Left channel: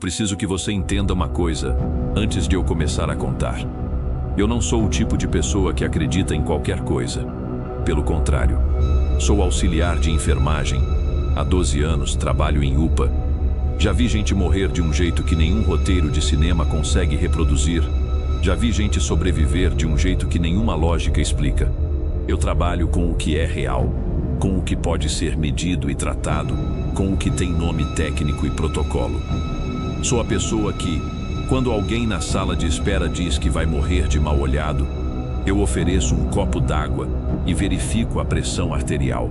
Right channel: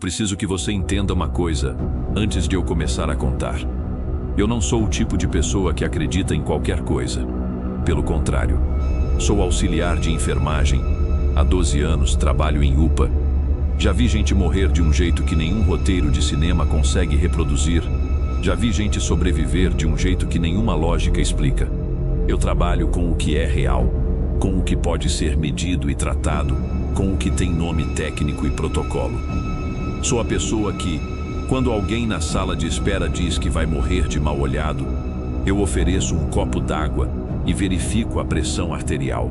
preciso que você entenda uma coisa antes de eu começar a contar. Eu não sou o tipo de pessoa que acredita em qualquer coisa. Pelo contrário, sou auxiliar de enfermagem. Há 12 anos trabalho em UPA. Já vi gente morrer de um jeito que nenhum roteiro de cinema consegue reproduzir. Já vi gente sobreviver de um jeito que nenhuma lógica explica. Eu trabalho com o que é real, com o que pode ser medido e tratado, com o que tem nome técnico e protocolo. Sou a pessoa que, quando alguém na sala de espera diz que vai morrer de mal-olhado, eu ofereço um copo d'água e verifico a pressão arterial.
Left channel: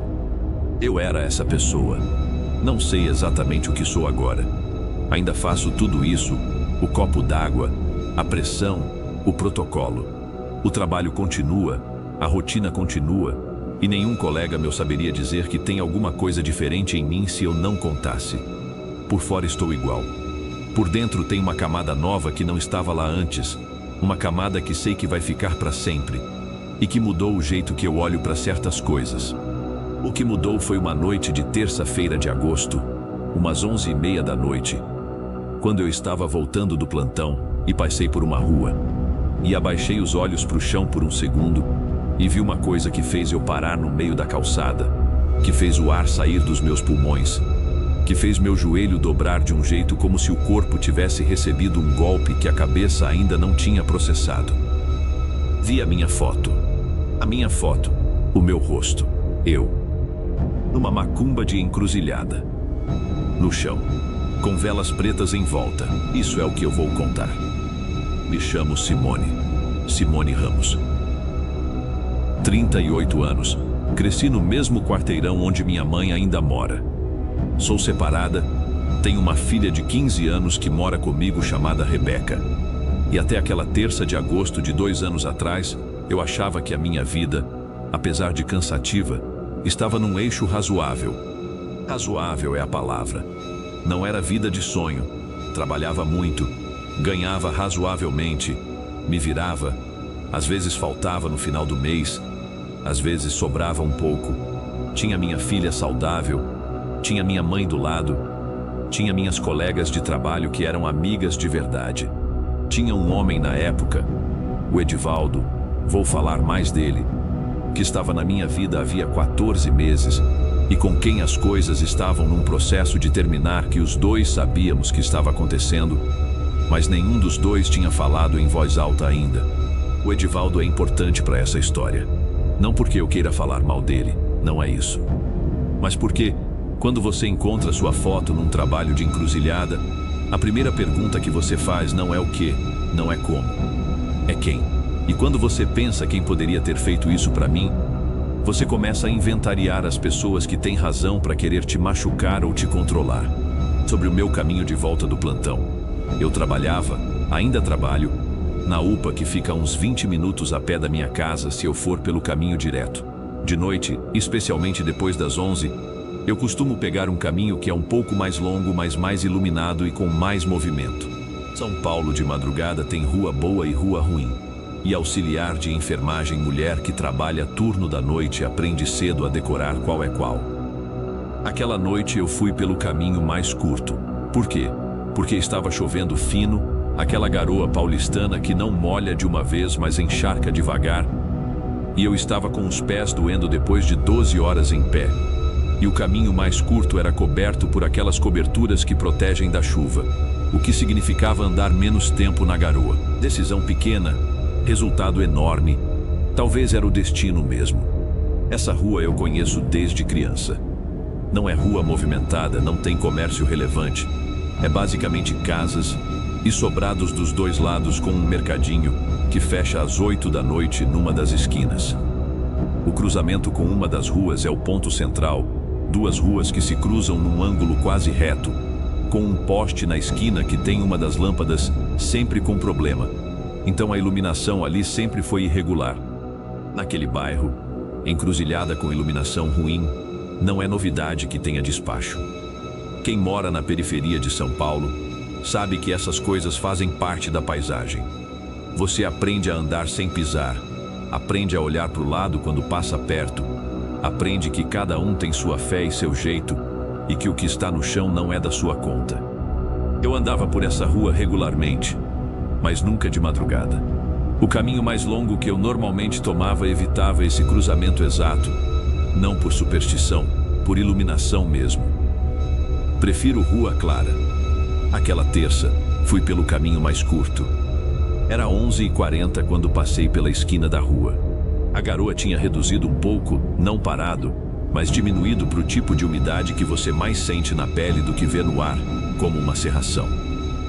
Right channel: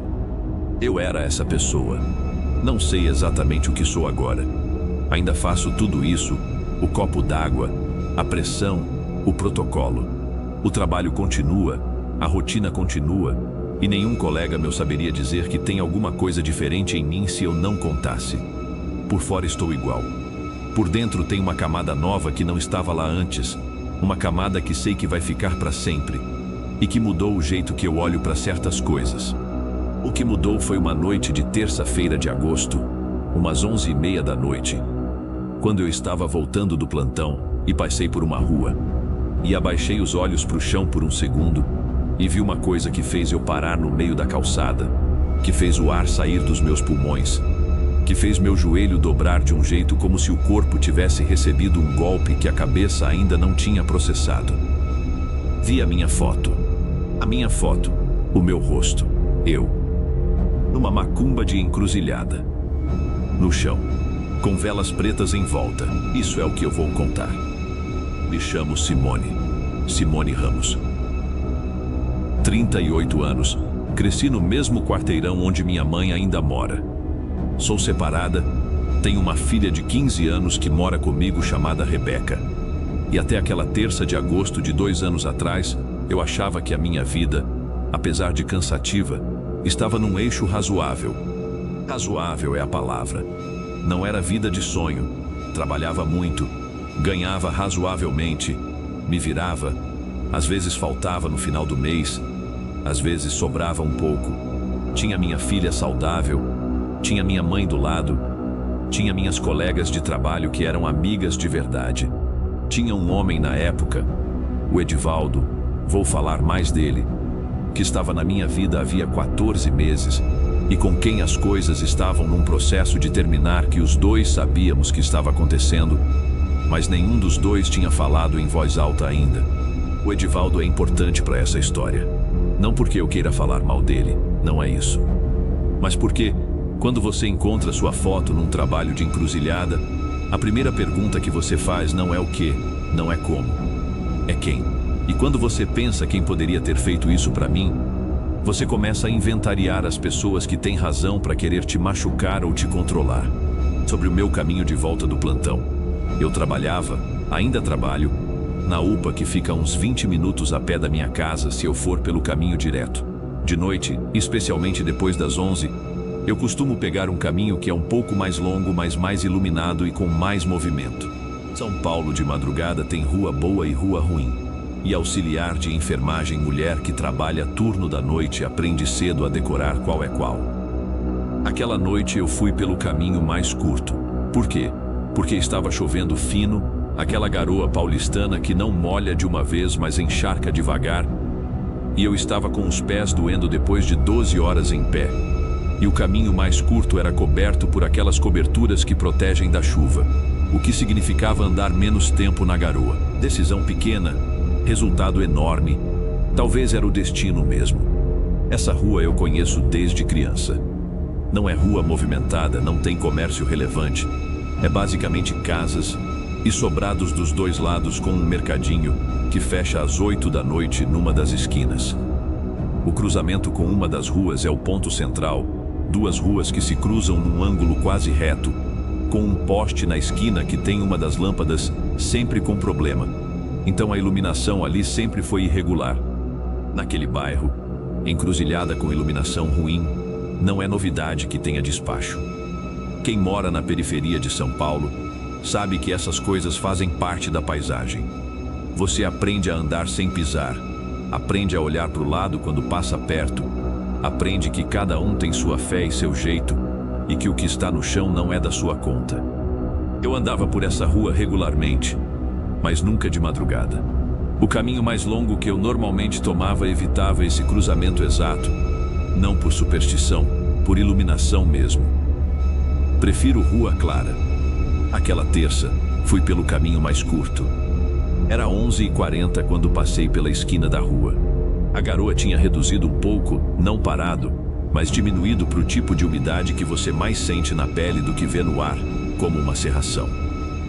Eu era essa pessoa. Não sei exatamente o que sou agora. Ainda faço tudo isso, o copo d'água, a pressão, o protocolo. O trabalho continua, a rotina continua, e nenhum colega meu saberia dizer que tem alguma coisa diferente em mim se eu não contasse. Por fora estou igual. Por dentro tem uma camada nova que não estava lá antes, uma camada que sei que vai ficar para sempre, e que mudou o jeito que eu olho para certas coisas. O que mudou foi uma noite de terça-feira de agosto, umas 11h30 da noite, quando eu estava voltando do plantão e passei por uma rua, e abaixei os olhos para o chão por um segundo, e vi uma coisa que fez eu parar no meio da calçada, que fez o ar sair dos meus pulmões, que fez meu joelho dobrar de um jeito como se o corpo tivesse recebido um golpe que a cabeça ainda não tinha processado. Vi a minha foto, o meu rosto, eu, numa macumba de encruzilhada, no chão, com velas pretas em volta. Isso é o que eu vou contar. Me chamo Simone Ramos. 38 anos, cresci no mesmo quarteirão onde minha mãe ainda mora. Sou separada, tenho uma filha de 15 anos que mora comigo chamada Rebeca. E até aquela terça de agosto de 2 anos atrás, eu achava que a minha vida, apesar de cansativa, estava num eixo razoável. Razoável é a palavra. Não era vida de sonho. Trabalhava muito, ganhava razoavelmente, me virava, às vezes faltava no final do mês, às vezes sobrava um pouco. Tinha minha filha saudável, tinha minha mãe do lado, tinha minhas colegas de trabalho que eram amigas de verdade. Tinha um homem na época, o Edivaldo, vou falar mais dele, que estava na minha vida havia 14 meses e com quem as coisas estavam num processo de terminar que os dois sabíamos que estava acontecendo, mas nenhum dos dois tinha falado em voz alta ainda. O Edivaldo é importante para essa história. Não porque eu queira falar mal dele, não é isso. Mas porque, quando você encontra sua foto num trabalho de encruzilhada, a primeira pergunta que você faz não é o que, não é como, é quem. E quando você pensa quem poderia ter feito isso para mim, você começa a inventariar as pessoas que têm razão para querer te machucar ou te controlar. Sobre o meu caminho de volta do plantão, eu trabalhava, ainda trabalho, na UPA que fica a uns 20 minutos a pé da minha casa se eu for pelo caminho direto. De noite, especialmente depois das 11, eu costumo pegar um caminho que é um pouco mais longo, mas mais iluminado e com mais movimento. São Paulo de madrugada tem rua boa e rua ruim. E auxiliar de enfermagem mulher que trabalha turno da noite aprende cedo a decorar qual é qual. Aquela noite eu fui pelo caminho mais curto. Por quê? Porque estava chovendo fino, aquela garoa paulistana que não molha de uma vez, mas encharca devagar, e eu estava com os pés doendo depois de 12 horas em pé. E o caminho mais curto era coberto por aquelas coberturas que protegem da chuva, o que significava andar menos tempo na garoa. Decisão pequena, resultado enorme, talvez era o destino mesmo. Essa rua eu conheço desde criança. Não é rua movimentada, não tem comércio relevante. É basicamente casas e sobrados dos dois lados com um mercadinho que fecha às 8 da noite numa das esquinas. O cruzamento com uma das ruas é o ponto central, 2 ruas que se cruzam num ângulo quase reto, com um poste na esquina que tem uma das lâmpadas sempre com problema. Então a iluminação ali sempre foi irregular. Naquele bairro, encruzilhada com iluminação ruim, não é novidade que tenha despacho. Quem mora na periferia de São Paulo sabe que essas coisas fazem parte da paisagem. Você aprende a andar sem pisar, aprende a olhar para o lado quando passa perto, aprende que cada um tem sua fé e seu jeito, e que o que está no chão não é da sua conta. Eu andava por essa rua regularmente, mas nunca de madrugada. O caminho mais longo que eu normalmente tomava evitava esse cruzamento exato, não por superstição, por iluminação mesmo. Prefiro rua clara. Aquela terça, fui pelo caminho mais curto. Era 11h40 quando passei pela esquina da rua. A garoa tinha reduzido um pouco, não parado, mas diminuído para o tipo de umidade que você mais sente na pele do que vê no ar, como uma cerração.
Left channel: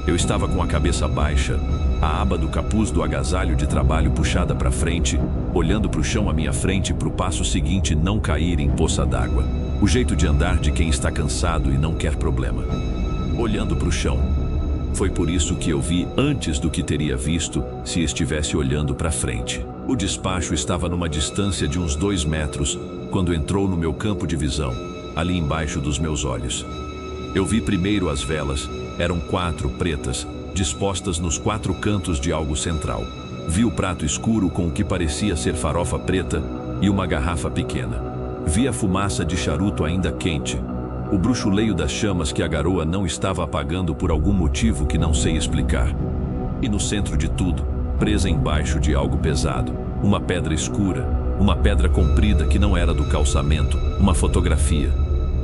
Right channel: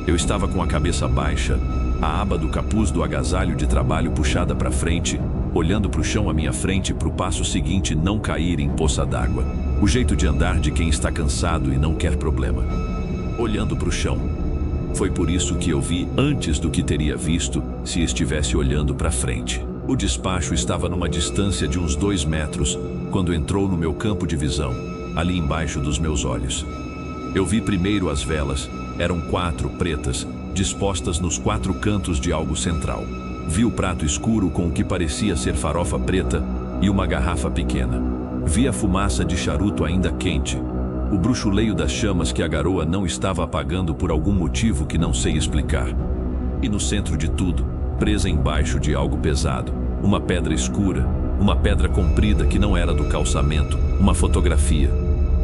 Eu estava com a cabeça baixa, a aba do capuz do agasalho de trabalho puxada para frente, olhando para o chão à minha frente para o passo seguinte não cair em poça d'água. O jeito de andar de quem está cansado e não quer problema. Olhando para o chão. Foi por isso que eu vi antes do que teria visto se estivesse olhando para frente. O despacho estava numa distância de uns 2 metros quando entrou no meu campo de visão, ali embaixo dos meus olhos. Eu vi primeiro as velas, eram 4 pretas, dispostas nos 4 cantos de algo central. Vi o prato escuro com o que parecia ser farofa preta e uma garrafa pequena. Vi a fumaça de charuto ainda quente, o bruxuleio das chamas que a garoa não estava apagando por algum motivo que não sei explicar. E no centro de tudo, presa embaixo de algo pesado, uma pedra escura, uma pedra comprida que não era do calçamento, uma fotografia.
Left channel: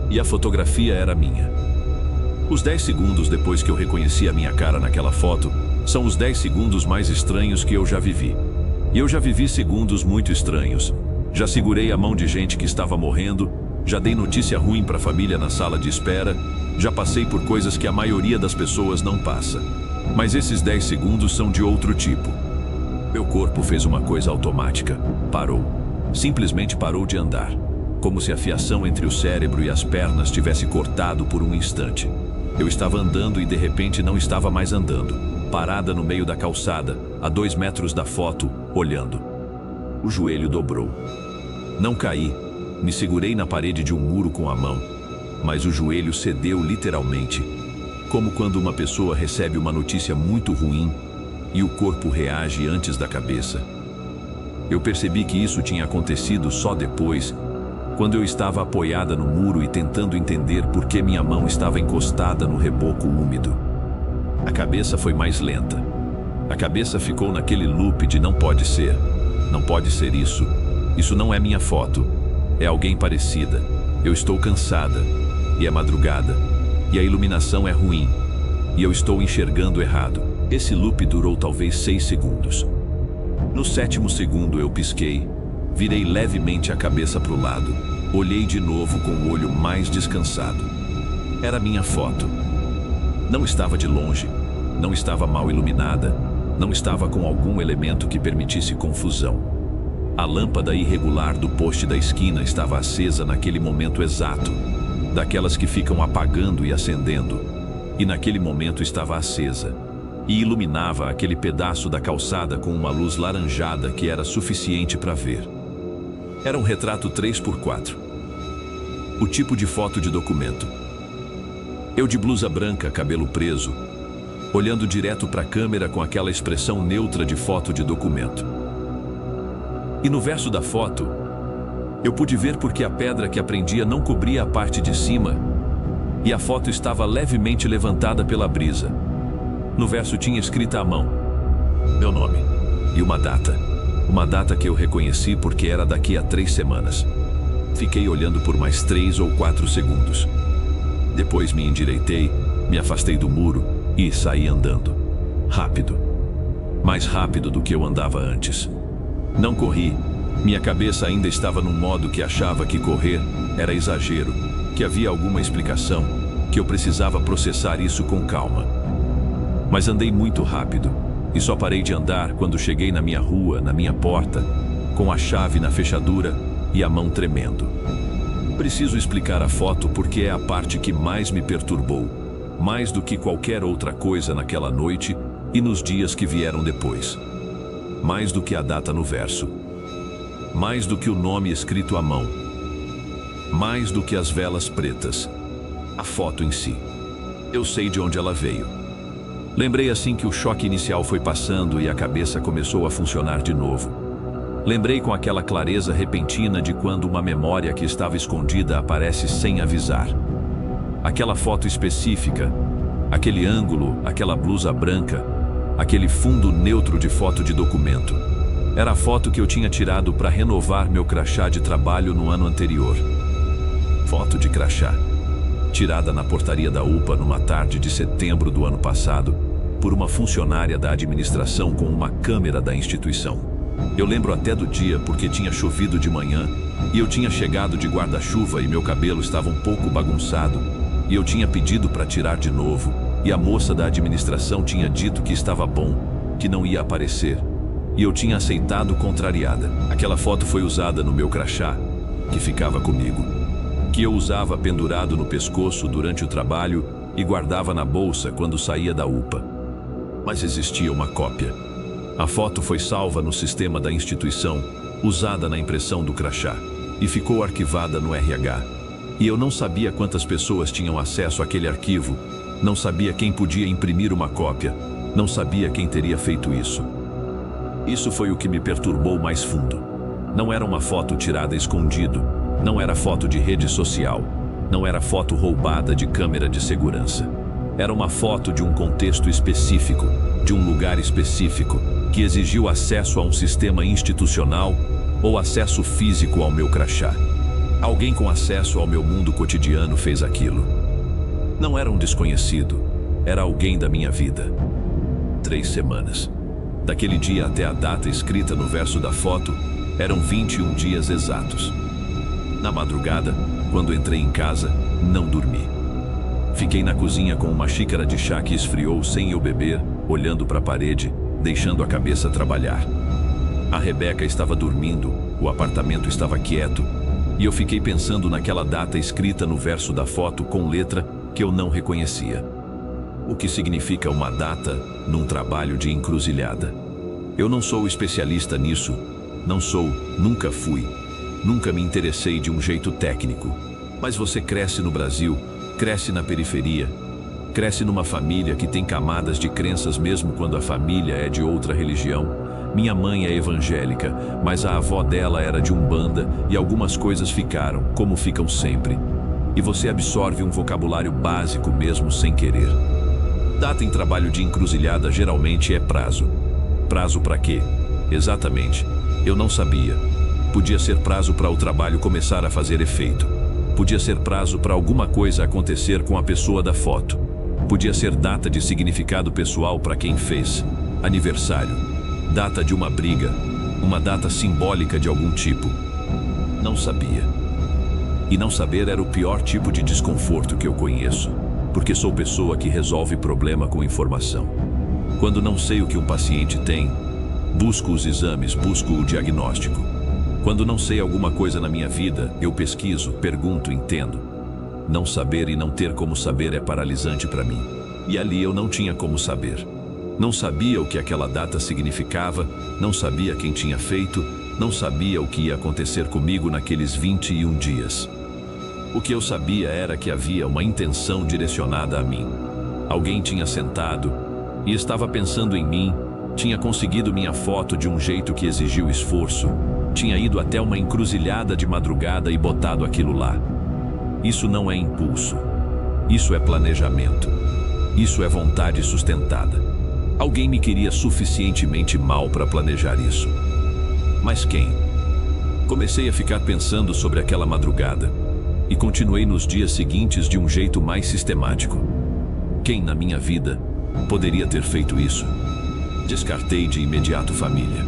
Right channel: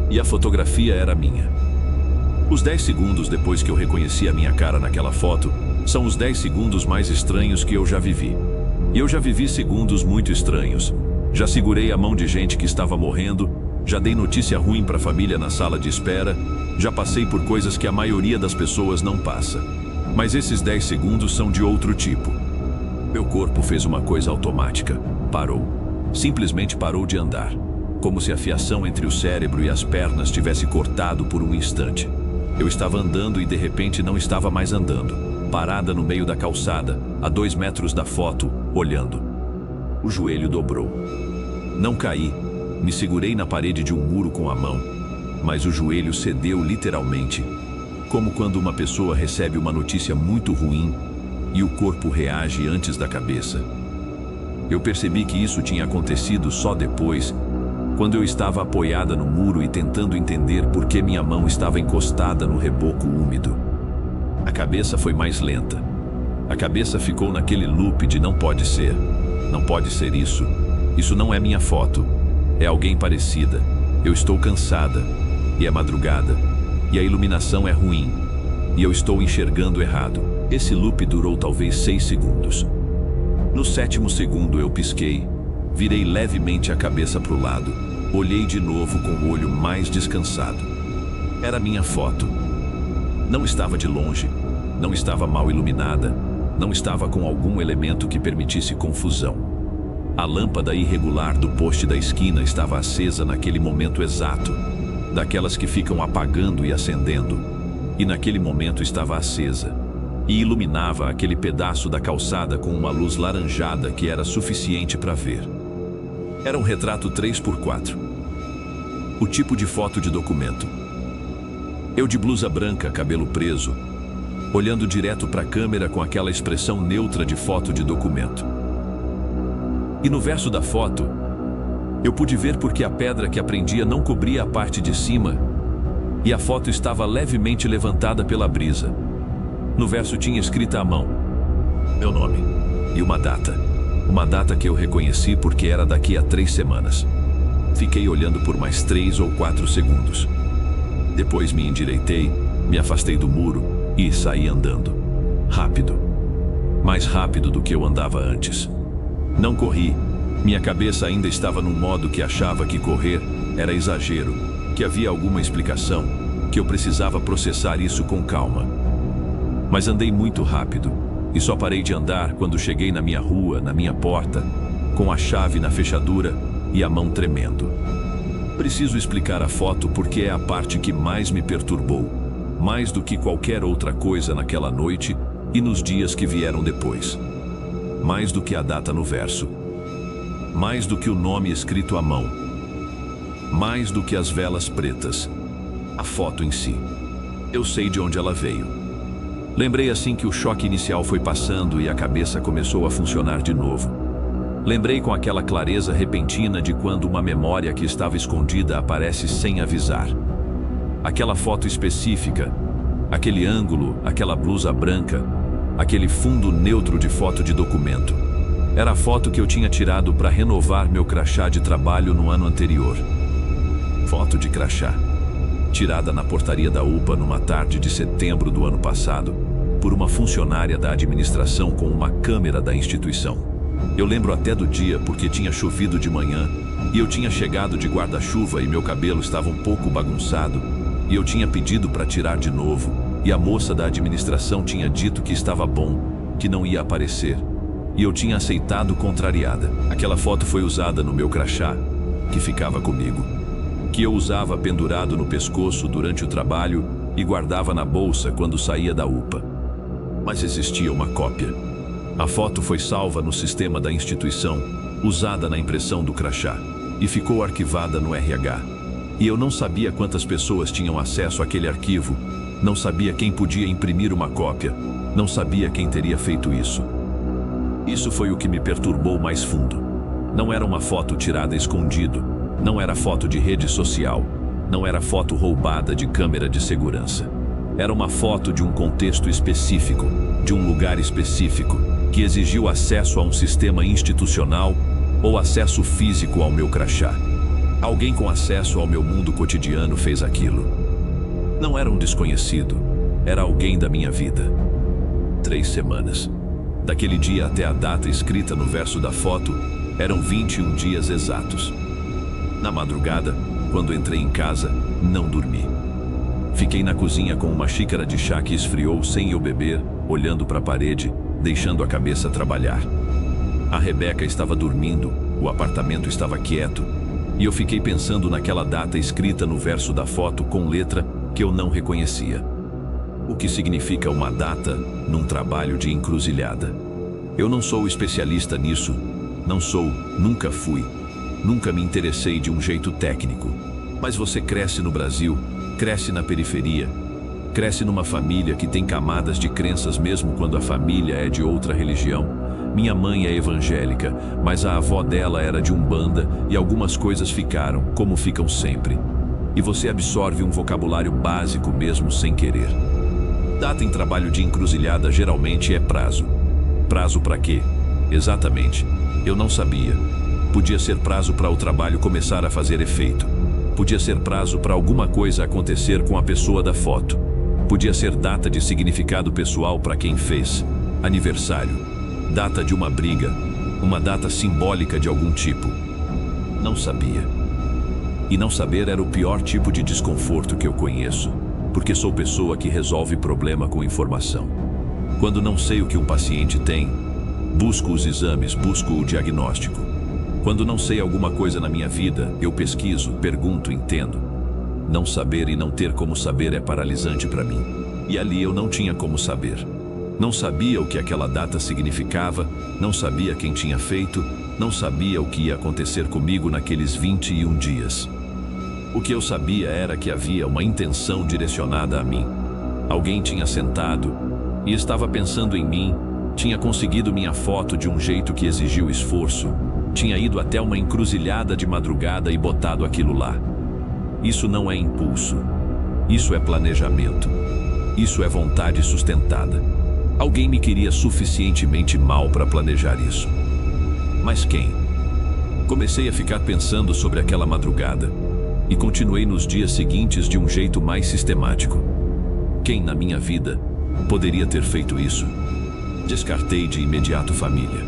E a fotografia era minha. Os 10 segundos depois que eu reconheci a minha cara naquela foto, são os 10 segundos mais estranhos que eu já vivi. E eu já vivi segundos muito estranhos. Já segurei a mão de gente que estava morrendo, já dei notícia ruim para a família na sala de espera, já passei por coisas que a maioria das pessoas não passa. Mas esses 10 segundos são de outro tipo. Meu corpo fez uma coisa automática. Parou. Simplesmente parou de andar. Como se a fiação entre o cérebro e as pernas tivesse cortado por um instante. Eu estava andando e de repente não estava mais andando. Parada no meio da calçada, a 2 metros da foto, olhando. O joelho dobrou. Não caí. Me segurei na parede de um muro com a mão. Mas o joelho cedeu literalmente. Como quando uma pessoa recebe uma notícia muito ruim e o corpo reage antes da cabeça. Eu percebi que isso tinha acontecido só depois, quando eu estava apoiada no muro e tentando entender por que minha mão estava encostada no reboco úmido. A cabeça foi mais lenta. A cabeça ficou naquele loop de não pode ser isso. Isso não é minha foto. É alguém parecida. Eu estou cansada. E é madrugada. E a iluminação é ruim. E eu estou enxergando errado. Esse loop durou talvez 6 segundos. No 7º segundo eu pisquei, virei levemente a cabeça para o lado, olhei de novo com o olho mais descansado. Era minha foto. Não estava de longe, não estava mal iluminada, não estava com algum elemento que permitisse confusão. A lâmpada irregular do poste da esquina estava acesa naquele momento exato, daquelas que ficam apagando e acendendo, e naquele momento estava acesa. E iluminava aquele pedaço da calçada com uma luz laranjada que era suficiente para ver. Era um retrato 3x4. O tipo de foto de documento. Eu de blusa branca, cabelo preso, olhando direto para a câmera com aquela expressão neutra de foto de documento. E no verso da foto, eu pude ver porque a pedra que a prendia não cobria a parte de cima e a foto estava levemente levantada pela brisa. No verso tinha escrita à mão meu nome e uma data que eu reconheci porque era daqui a 3 semanas. Fiquei olhando por mais 3 ou 4 segundos. Depois me endireitei, me afastei do muro e saí andando. Rápido. Mais rápido do que eu andava antes. Não corri. Minha cabeça ainda estava num modo que achava que correr era exagero, que havia alguma explicação, que eu precisava processar isso com calma. Mas andei muito rápido, e só parei de andar quando cheguei na minha rua, na minha porta, com a chave na fechadura e a mão tremendo. Preciso explicar a foto porque é a parte que mais me perturbou, mais do que qualquer outra coisa naquela noite e nos dias que vieram depois. Mais do que a data no verso. Mais do que o nome escrito à mão. Mais do que as velas pretas. A foto em si. Eu sei de onde ela veio. Lembrei assim que o choque inicial foi passando e a cabeça começou a funcionar de novo. Lembrei com aquela clareza repentina de quando uma memória que estava escondida aparece sem avisar. Aquela foto específica, Aquele ângulo, aquela blusa branca, aquele fundo neutro de foto de documento. Era a foto que eu tinha tirado para renovar meu crachá de trabalho no ano anterior. Foto de crachá. Tirada na portaria da UPA numa tarde de setembro do ano passado, por uma funcionária da administração com uma câmera da instituição. Eu lembro até do dia porque tinha chovido de manhã e eu tinha chegado de guarda-chuva e meu cabelo estava um pouco bagunçado e eu tinha pedido para tirar de novo e a moça da administração tinha dito que estava bom, que não ia aparecer e eu tinha aceitado contrariada. Aquela foto foi usada no meu crachá, que ficava comigo, que eu usava pendurado no pescoço durante o trabalho e guardava na bolsa quando saía da UPA. Mas existia uma cópia. A foto foi salva no sistema da instituição, usada na impressão do crachá, e ficou arquivada no RH. E eu não sabia quantas pessoas tinham acesso àquele arquivo, não sabia quem podia imprimir uma cópia, não sabia quem teria feito isso. Isso foi o que me perturbou mais fundo. Não era uma foto tirada escondido, não era foto de rede social, não era foto roubada de câmera de segurança. Era uma foto de um contexto específico, de um lugar específico, que exigiu acesso a um sistema institucional ou acesso físico ao meu crachá. Alguém com acesso ao meu mundo cotidiano fez aquilo. Não era um desconhecido, era alguém da minha vida. 3 semanas. Daquele dia até a data escrita no verso da foto, eram 21 dias exatos. Na madrugada, quando entrei em casa, não dormi. Fiquei na cozinha com uma xícara de chá que esfriou sem eu beber, olhando para a parede, deixando a cabeça trabalhar. A Rebeca estava dormindo, o apartamento estava quieto, e eu fiquei pensando naquela data escrita no verso da foto com letra que eu não reconhecia. O que significa uma data num trabalho de encruzilhada? Eu não sou especialista nisso, não sou, nunca fui, nunca me interessei de um jeito técnico. Mas você cresce no Brasil, cresce na periferia, cresce numa família que tem camadas de crenças mesmo quando a família é de outra religião. Minha mãe é evangélica, mas a avó dela era de Umbanda e algumas coisas ficaram, como ficam sempre. E você absorve um vocabulário básico mesmo sem querer. Data em trabalho de encruzilhada geralmente é prazo. Prazo para quê? Exatamente. Eu não sabia. Podia ser prazo para o trabalho começar a fazer efeito. Podia ser prazo para alguma coisa acontecer com a pessoa da foto. Podia ser data de significado pessoal para quem fez. Aniversário. Data de uma briga. Uma data simbólica de algum tipo. Não sabia. E não saber era o pior tipo de desconforto que eu conheço, porque sou pessoa que resolve problema com informação. Quando não sei o que um paciente tem, busco os exames, busco o diagnóstico. Quando não sei alguma coisa na minha vida, eu pesquiso, pergunto, entendo. Não saber e não ter como saber é paralisante para mim. E ali eu não tinha como saber. Não sabia o que aquela data significava, não sabia quem tinha feito, não sabia o que ia acontecer comigo naqueles 21 dias. O que eu sabia era que havia uma intenção direcionada a mim. Alguém tinha sentado e estava pensando em mim, tinha conseguido minha foto de um jeito que exigiu esforço, tinha ido até uma encruzilhada de madrugada e botado aquilo lá. Isso não é impulso. Isso é planejamento. Isso é vontade sustentada. Alguém me queria suficientemente mal para planejar isso. Mas quem? Comecei a ficar pensando sobre aquela madrugada e continuei nos dias seguintes de um jeito mais sistemático. Quem na minha vida poderia ter feito isso? Descartei de imediato família.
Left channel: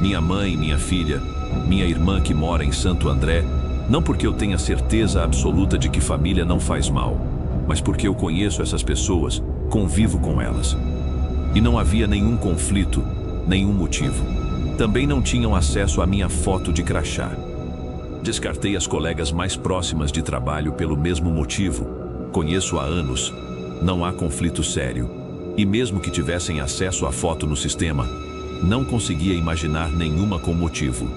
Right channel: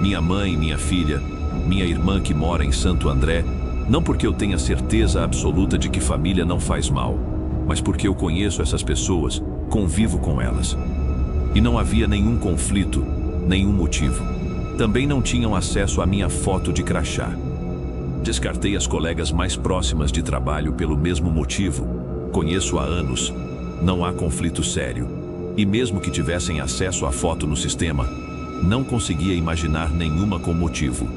Minha mãe, minha filha, minha irmã que mora em Santo André, não porque eu tenha certeza absoluta de que família não faz mal, mas porque eu conheço essas pessoas, convivo com elas. E não havia nenhum conflito, nenhum motivo. Também não tinham acesso à minha foto de crachá. Descartei as colegas mais próximas de trabalho pelo mesmo motivo. Conheço há anos. Não há conflito sério. E mesmo que tivessem acesso à foto no sistema, não conseguia imaginar nenhuma com motivo.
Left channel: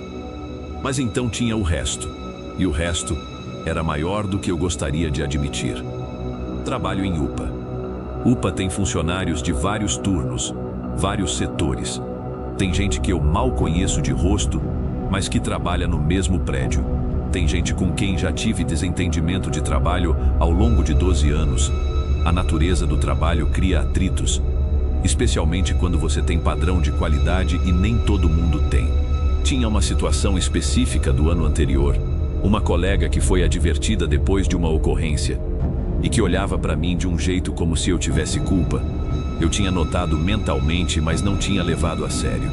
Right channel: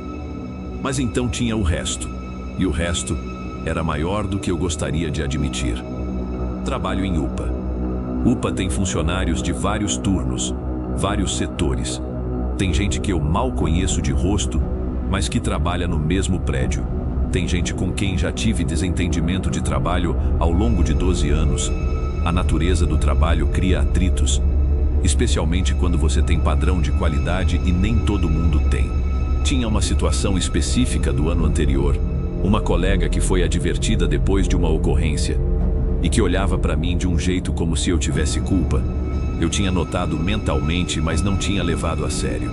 Mas então tinha o resto. E o resto era maior do que eu gostaria de admitir. Trabalho em UPA. UPA tem funcionários de vários turnos, vários setores. Tem gente que eu mal conheço de rosto, mas que trabalha no mesmo prédio. Tem gente com quem já tive desentendimento de trabalho ao longo de 12 anos. A natureza do trabalho cria atritos, especialmente quando você tem padrão de qualidade e nem todo mundo tem. Tinha uma situação específica do ano anterior, uma colega que foi advertida depois de uma ocorrência e que olhava para mim de um jeito como se eu tivesse culpa. Eu tinha notado mentalmente, mas não tinha levado a sério.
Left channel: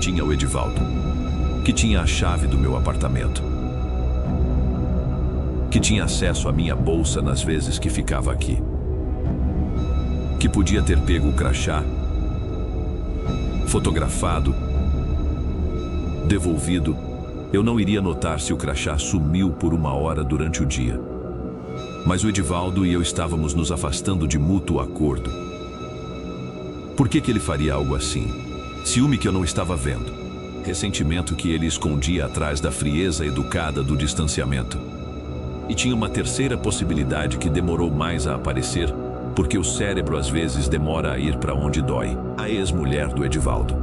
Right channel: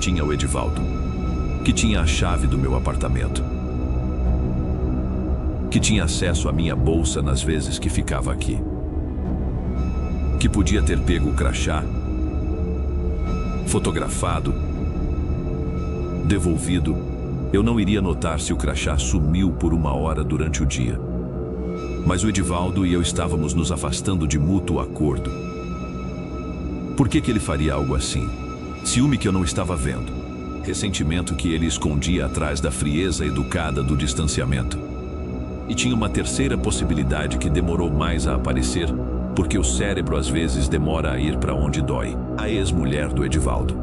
Tinha o Edivaldo, que tinha a chave do meu apartamento, que tinha acesso à minha bolsa nas vezes que ficava aqui, que podia ter pego o crachá, fotografado, devolvido. Eu não iria notar se o crachá sumiu por uma hora durante o dia. Mas o Edivaldo e eu estávamos nos afastando de mútuo acordo. Por que ele faria algo assim? Ciúme que eu não estava vendo. Ressentimento que ele escondia atrás da frieza educada do distanciamento. E tinha uma terceira possibilidade que demorou mais a aparecer, porque o cérebro às vezes demora a ir para onde dói. A ex-mulher do Edivaldo,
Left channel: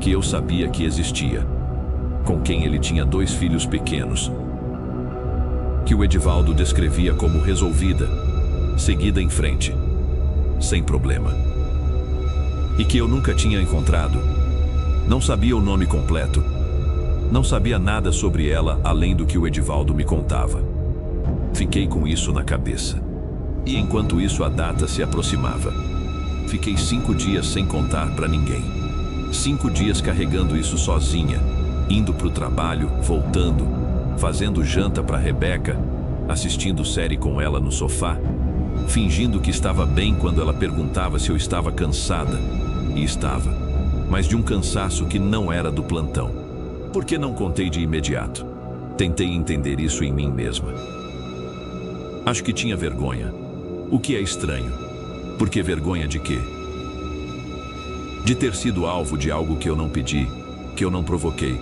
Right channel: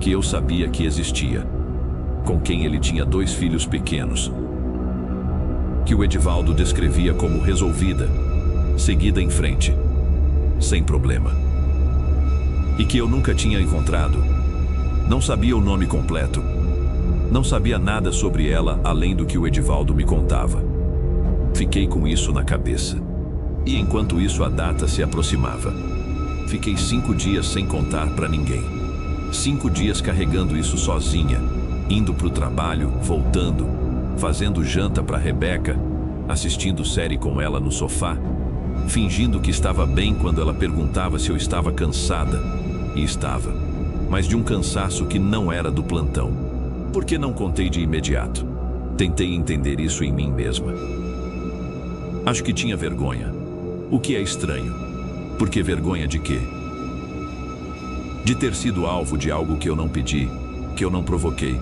que eu sabia que existia, com quem ele tinha 2 filhos pequenos, que o Edivaldo descrevia como resolvida, seguida em frente, sem problema. E que eu nunca tinha encontrado. Não sabia o nome completo. Não sabia nada sobre ela além do que o Edivaldo me contava. Fiquei com isso na cabeça. E enquanto isso a data se aproximava. Fiquei 5 dias sem contar para ninguém. 5 dias carregando isso sozinha, indo para o trabalho, voltando, fazendo janta para Rebeca, assistindo série com ela no sofá, fingindo que estava bem quando ela perguntava se eu estava cansada. E estava, mas de um cansaço que não era do plantão. Por que não contei de imediato? Tentei entender isso em mim mesma. Acho que tinha vergonha. O que é estranho. Porque vergonha de quê? De ter sido alvo de algo que eu não pedi, que eu não provoquei.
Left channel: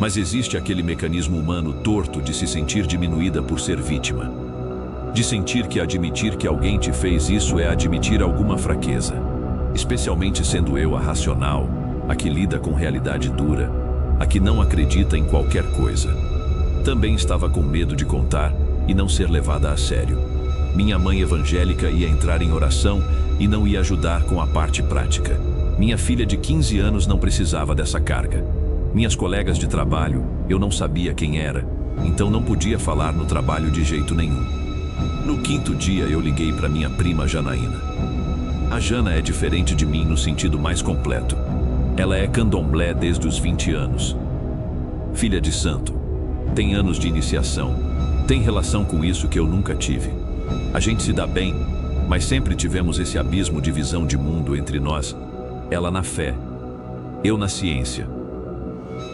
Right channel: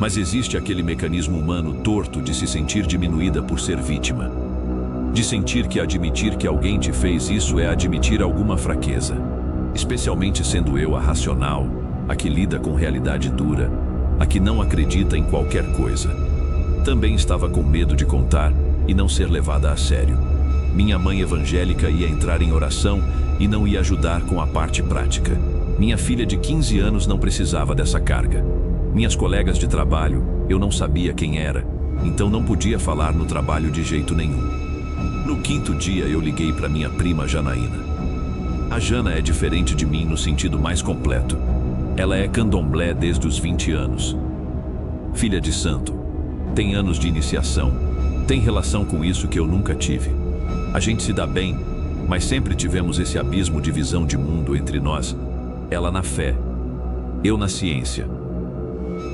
Mas existe aquele mecanismo humano torto de se sentir diminuída por ser vítima. De sentir que admitir que alguém te fez isso é admitir alguma fraqueza. Especialmente sendo eu a racional, a que lida com realidade dura, a que não acredita em qualquer coisa. Também estava com medo de contar e não ser levada a sério. Minha mãe evangélica ia entrar em oração e não ia ajudar com a parte prática. Minha filha de 15 anos não precisava dessa carga. Minhas colegas de trabalho, eu não sabia quem era, então não podia falar no trabalho de jeito nenhum. No 5º dia eu liguei para minha prima Janaína. A Jana é diferente de mim no sentido mais completo. Ela é candomblé desde os 20 anos. Filha de santo. Tem anos de iniciação. Tem relação com isso que eu nunca tive. A gente se dá bem, mas sempre tivemos esse abismo de visão de mundo entre nós. Ela na fé, eu na ciência.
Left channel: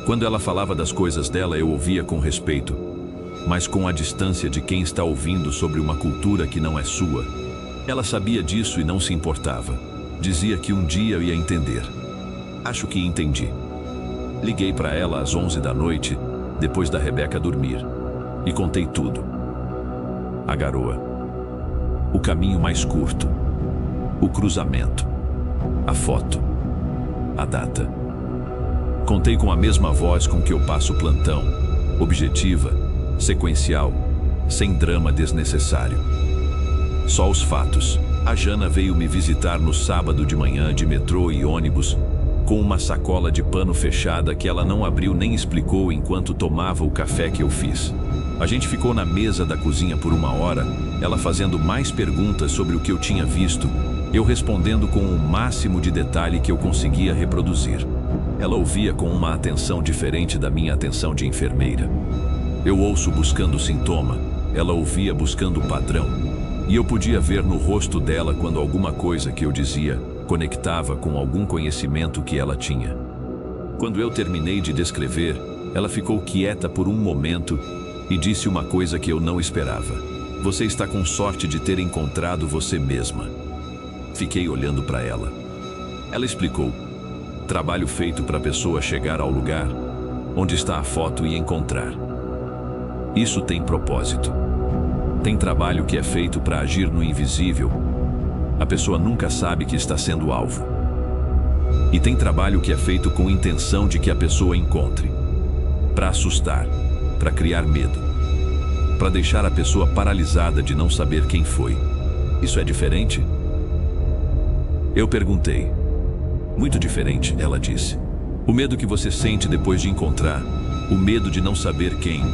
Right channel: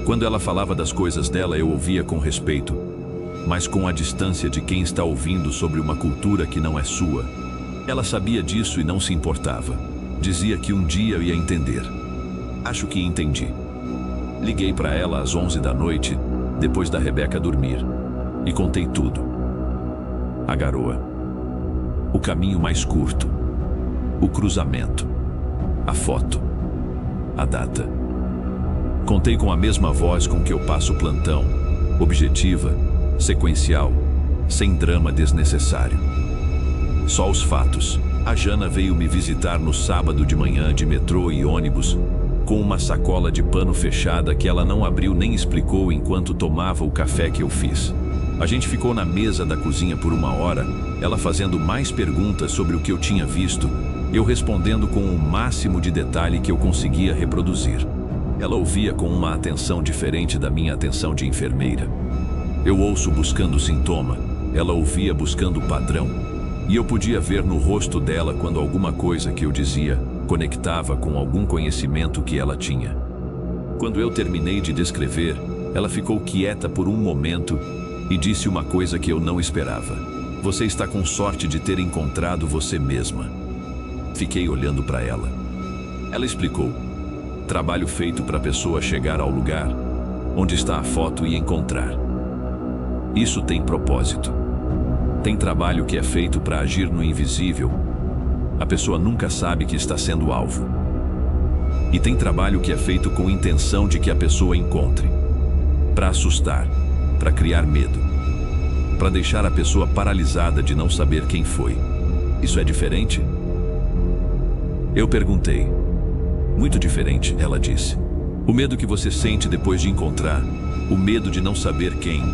Quando ela falava das coisas dela, eu ouvia com respeito, mas com a distância de quem está ouvindo sobre uma cultura que não é sua. Ela sabia disso e não se importava. Dizia que um dia eu ia entender. Acho que entendi. Liguei para ela às 11 da noite, depois da Rebeca dormir, e contei tudo. A garoa. O caminho mais curto. O cruzamento. A foto. A data. Contei com a mesma voz com que eu passo o plantão, objetiva, sequencial, sem drama desnecessário. Só os fatos. A Jana veio me visitar no sábado de manhã de metrô e ônibus, com uma sacola de pano fechada que ela não abriu nem explicou enquanto tomava o café que eu fiz. A gente ficou na mesa da cozinha por 1 hora, ela fazendo mais perguntas sobre o que eu tinha visto, eu respondendo com o máximo de detalhe que eu conseguia reproduzir. Ela ouvia com uma atenção diferente da minha atenção de enfermeira. Eu ouço buscando sintoma, ela ouvia buscando padrão. E eu podia ver no rosto dela quando alguma coisa que eu dizia conectava com algum conhecimento que ela tinha. Quando eu terminei de descrever, ela ficou quieta por um momento e disse uma coisa que eu não esperava. Você está com sorte de ter encontrado você mesma. Fiquei olhando para ela. Ela explicou. Trabalho feito para a pessoa chegar ao lugar onde está a foto e encontrar. Isso tem propósito. Tem trabalho que é feito para agir no invisível. A pessoa nunca sabe que está sendo alvo. E tem trabalho que é feito com intenção de que a pessoa encontre. Para assustar, para criar medo. Para deixar a pessoa paralisada de não saber quem foi. Isso é diferente? Eu perguntei. Muito diferente, ela disse. O medo que você sente depois de encontrar, o medo de não saber quem,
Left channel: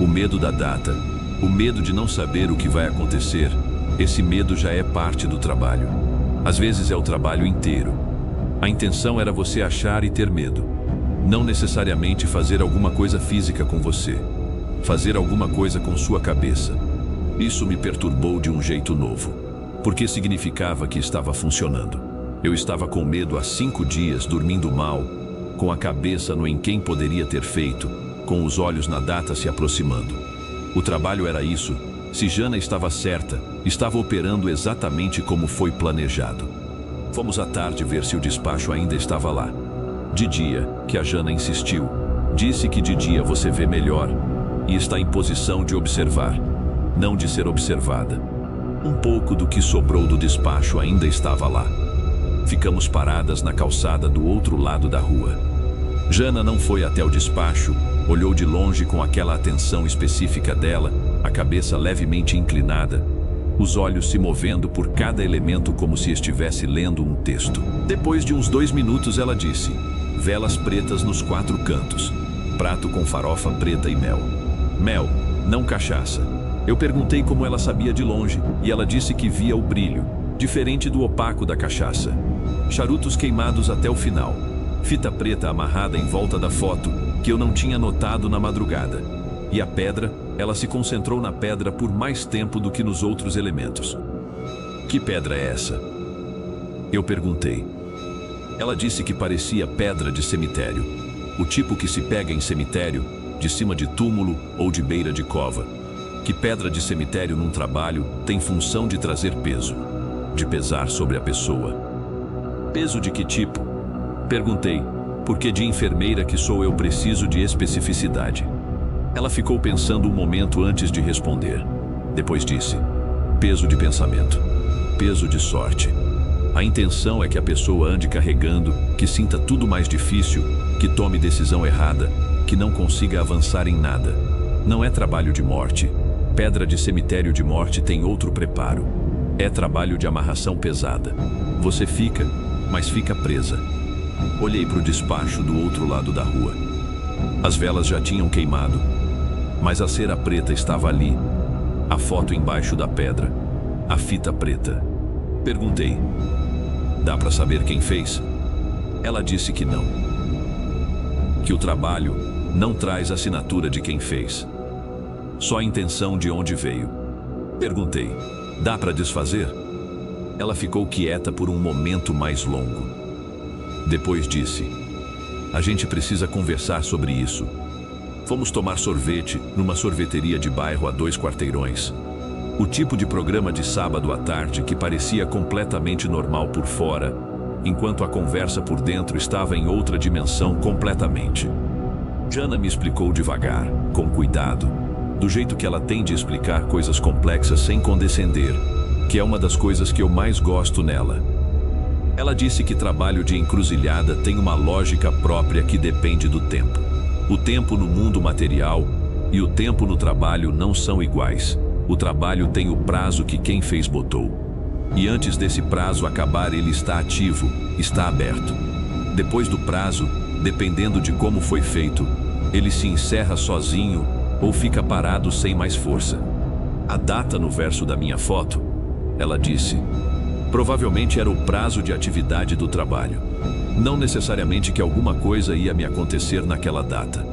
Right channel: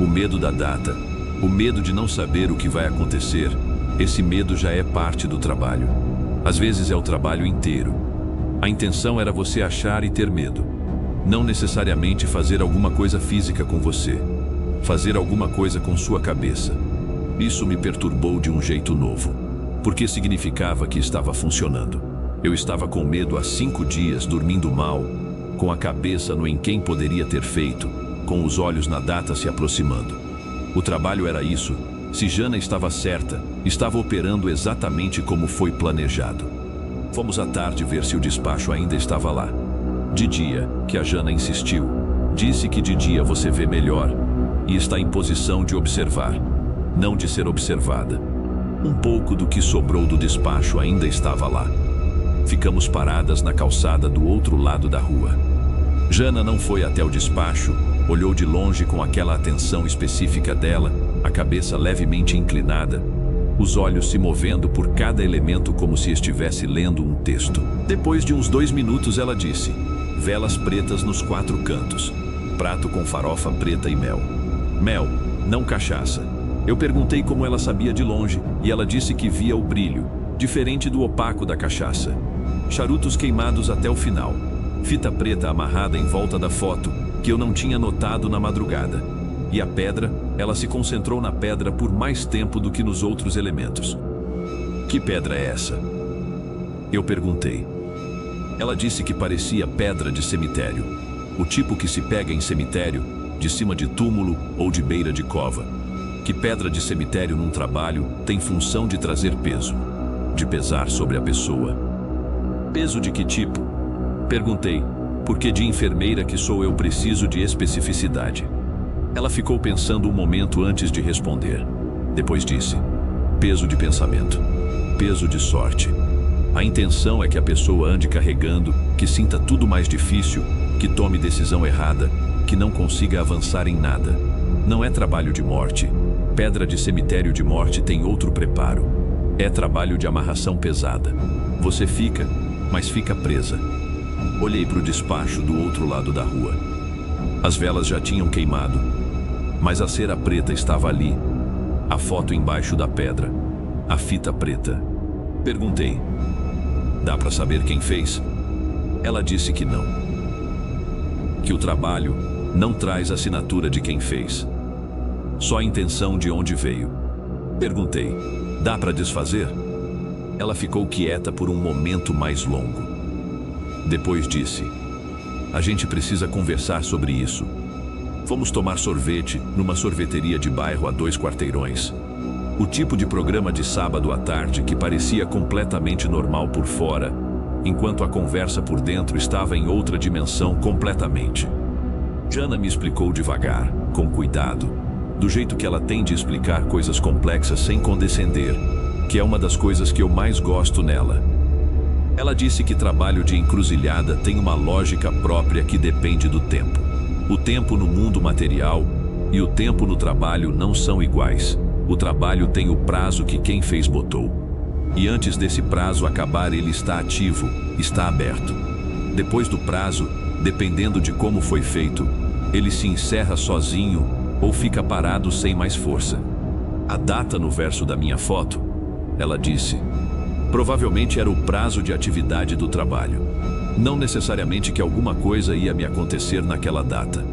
o medo da data, o medo de não saber o que vai acontecer, esse medo já é parte do trabalho. Às vezes é o trabalho inteiro. A intenção era você achar e ter medo. Não necessariamente fazer alguma coisa física com você. Fazer alguma coisa com sua cabeça. Isso me perturbou de um jeito novo. Porque significava que estava funcionando. Eu estava com medo há 5 dias, dormindo mal, com a cabeça no em quem poderia ter feito, com os olhos na data se aproximando. O trabalho era isso. Se Jana estava certa, estava operando exatamente como foi planejado. Fomos à tarde ver se o despacho ainda estava lá. De dia, que a Jana insistiu, disse que de dia você vê melhor e está em posição de observar, não de ser observada. Um pouco do que sobrou do despacho ainda estava lá. Ficamos paradas na calçada do outro lado da rua. Jana não foi até o despacho, olhou de longe com aquela atenção específica dela, a cabeça levemente inclinada, os olhos se movendo por cada elemento como se estivesse lendo um texto. Depois de uns 2 minutos ela disse: velas pretas nos 4 cantos, prato com farofa preta e mel. Mel, não cachaça. Eu perguntei como ela sabia de longe e ela disse que via o brilho, diferente do opaco da cachaça. Charutos queimados até o final. Fita preta amarrada em volta da foto, que eu não tinha notado na madrugada. E a pedra, ela se concentrou na pedra por mais tempo do que nos outros elementos. Que pedra é essa? Eu perguntei. Ela disse que parecia pedra de cemitério. O tipo que se pega em cemitério, de cima de túmulo ou de beira de cova. Que pedra de cemitério num trabalho tem função de trazer peso, de pesar sobre a pessoa. Peso de que tipo? Perguntei, porque de enfermeira que sou eu preciso de especificidade. Ela ficou pensando um momento antes de responder. Depois disse: peso de pensamento, peso de sorte. A intenção é que a pessoa ande carregando, que sinta tudo mais difícil, que tome decisão errada, que não consiga avançar em nada. Não é trabalho de morte. Pedra de cemitério de morte tem outro preparo. É trabalho de amarração pesada. Você fica, mas fica presa. Olhei para o despacho do outro lado da rua. As velas já tinham queimado, mas a cera preta estava ali, a foto embaixo da pedra, a fita preta. Perguntei: dá para saber quem fez? Ela disse que não. Que o trabalho não traz assinatura de quem fez, só a intenção de onde veio. Perguntei: dá para desfazer? Ela ficou quieta por um momento mais longo. Depois disse: a gente precisa conversar sobre isso. Fomos tomar sorvete numa sorveteria de bairro a 2 quarteirões. O tipo de programa de sábado à tarde que parecia completamente normal por fora, enquanto a conversa por dentro estava em outra dimensão completamente. Jana me explicou devagar, com cuidado, do jeito que ela tem de explicar coisas complexas sem condescender, que é uma das coisas que eu mais gosto nela. Ela disse que trabalho de encruzilhada tem uma lógica própria que depende do tempo. O tempo no mundo material e o tempo no trabalho não são iguais. O trabalho tem o prazo que quem fez botou. E antes desse prazo acabar, ele está ativo, está aberto. Depois do prazo, dependendo de como foi feito, ele se encerra sozinho ou fica parado sem mais força. A data no verso da minha foto, ela disse, provavelmente era o prazo de atividade do trabalho. Não necessariamente que alguma coisa ia me acontecer naquela data.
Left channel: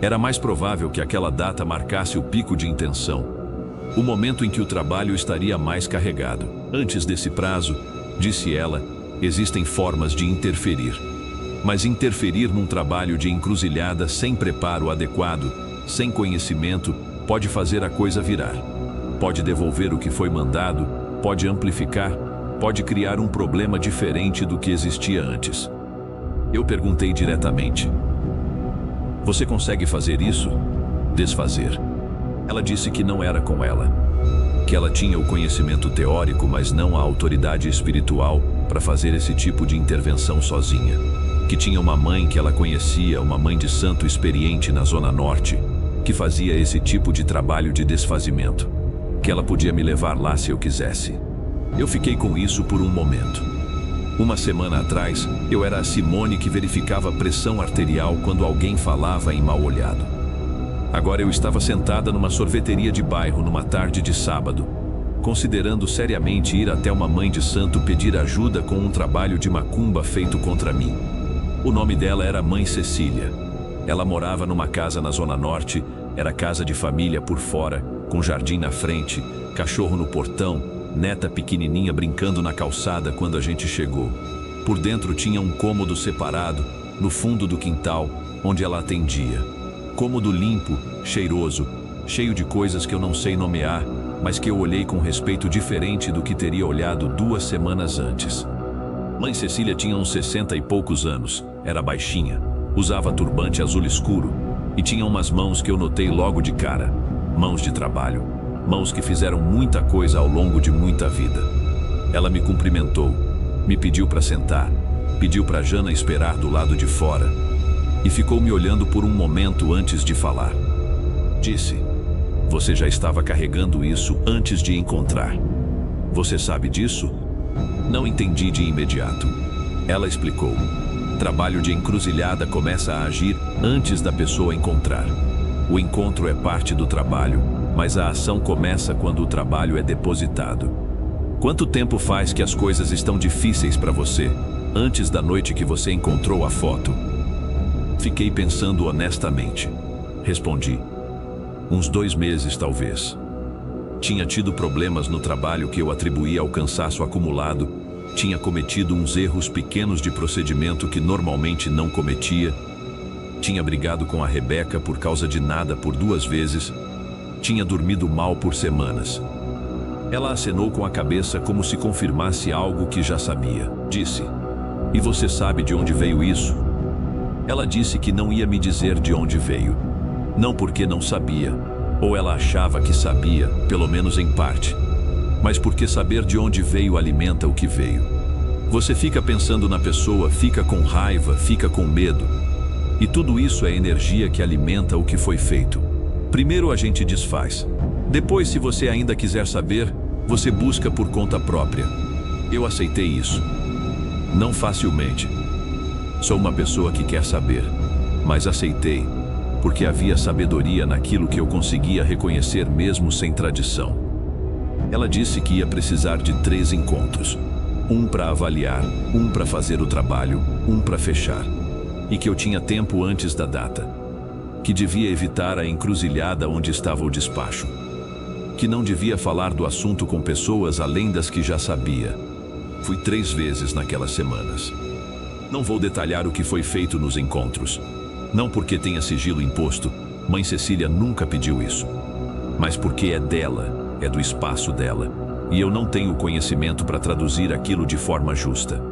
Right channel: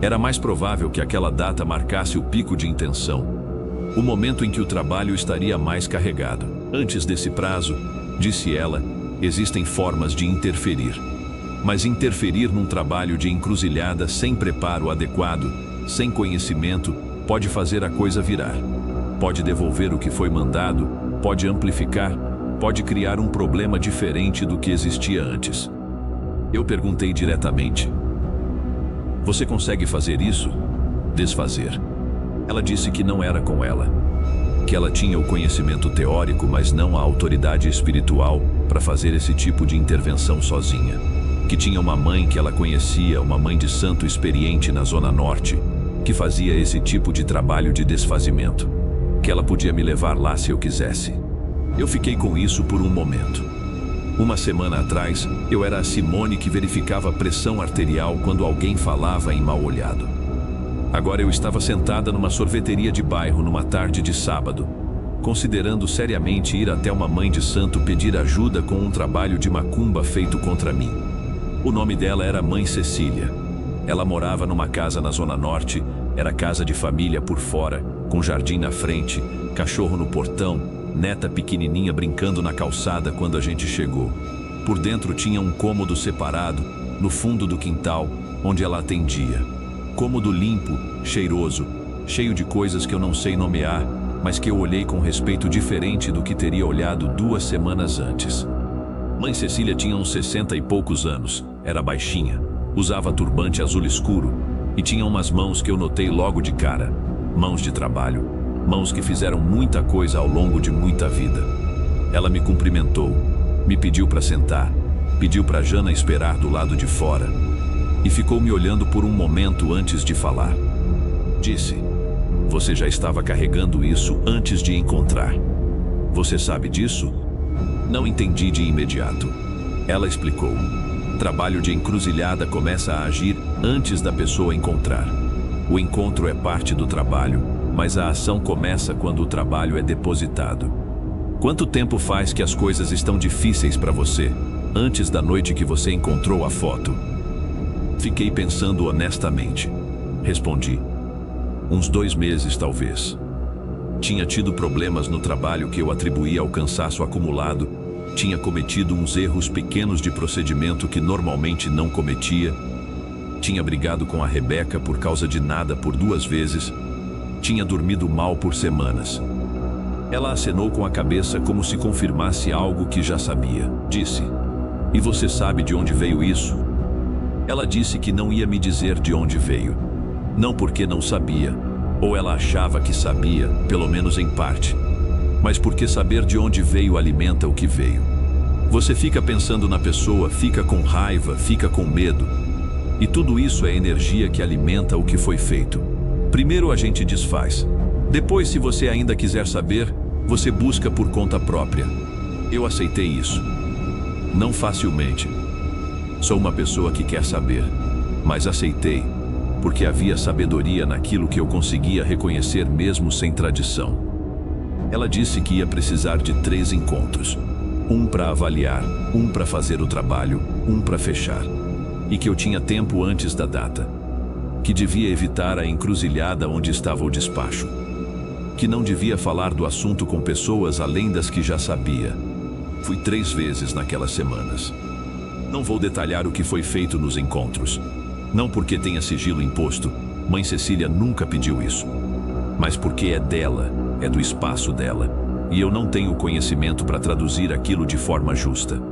Era mais provável que aquela data marcasse o pico de intenção, o momento em que o trabalho estaria mais carregado. Antes desse prazo, disse ela, existem formas de interferir. Mas interferir num trabalho de encruzilhada sem preparo adequado, sem conhecimento, pode fazer a coisa virar. Pode devolver o que foi mandado, pode amplificar, pode criar um problema diferente do que existia antes. Eu perguntei diretamente: você consegue fazer isso? Desfazer. Ela disse que não era com ela. Que ela tinha o conhecimento teórico, mas não a autoridade espiritual para fazer esse tipo de intervenção sozinha. Que tinha uma mãe que ela conhecia, uma mãe de santo experiente na Zona Norte, que fazia esse tipo de trabalho de desfazimento. Que ela podia me levar lá se eu quisesse. Eu fiquei com isso por um momento. Uma semana atrás, eu era a Simone que verificava a pressão arterial quando alguém falava em mal-olhado. Agora eu estava sentada numa sorveteria de bairro numa tarde de sábado, considerando seriamente ir até uma mãe de santo pedir ajuda com um trabalho de macumba feito contra mim. O nome dela era Mãe Cecília. Ela morava numa casa na Zona Norte, era casa de família por fora, com jardim na frente, cachorro no portão, neta pequenininha brincando na calçada quando a gente chegou. Por dentro tinha um cômodo separado, no fundo do quintal, onde ela atendia. Cômodo limpo, cheiroso, cheio de coisas que eu não sei nomear, mas que eu olhei com respeito diferente do que teria olhado 2 semanas antes. Mãe Cecília tinha uns 60 e poucos anos, era baixinha, usava turbante azul escuro e tinha umas mãos que eu notei logo de cara, mãos de trabalho, mãos que fizeram muita coisa ao longo de muita vida. Ela me cumprimentou, me pediu para sentar, pediu para Jana esperar do lado de fora e ficou me olhando por um momento antes de falar. Disse: "Você já estava carregando isso antes de encontrar. Você sabe disso?" Não entendi de imediato. Ela explicou: "Trabalho de encruzilhada começa a agir antes da pessoa encontrar. O encontro é parte do trabalho, mas a ação começa quando o trabalho é depositado. Quanto tempo faz que as coisas estão difíceis para você, antes da noite que você encontrou a foto?" Fiquei pensando honestamente. Respondi: "Uns 2 meses, talvez. Tinha tido problemas no trabalho que eu atribuía ao cansaço acumulado, tinha cometido uns erros pequenos de procedimento que normalmente não cometia, tinha brigado com a Rebeca por causa de nada por 2 vezes, tinha dormido mal por semanas." Ela acenou com a cabeça como se confirmasse algo que já sabia. Disse: "E você sabe de onde veio isso?" Ela disse que não ia me dizer de onde veio. Não porque não sabia, ou ela achava que sabia, pelo menos em parte, mas porque saber de onde veio alimenta o que veio. Você fica pensando na pessoa, fica com raiva, fica com medo. E tudo isso é energia que alimenta o que foi feito. Primeiro a gente desfaz. Depois, se você ainda quiser saber, você busca por conta própria. Eu aceitei isso. Não facilmente. Sou uma pessoa que quer saber, mas aceitei, porque havia sabedoria naquilo que eu conseguia reconhecer mesmo sem tradição. Ela disse que ia precisar de 3 encontros. Um para avaliar, um para fazer o trabalho, um para fechar. E que eu tinha tempo antes da data. Que devia evitar a encruzilhada onde estava o despacho. Que não devia falar do assunto com pessoas além das que já sabia. Fui 3 vezes naquelas semanas. Não vou detalhar o que foi feito nos encontros. Não porque tenha sigilo imposto, Mãe Cecília nunca pediu isso. Mas porque é dela, é do espaço dela, e eu não tenho conhecimento para traduzir aquilo de forma justa.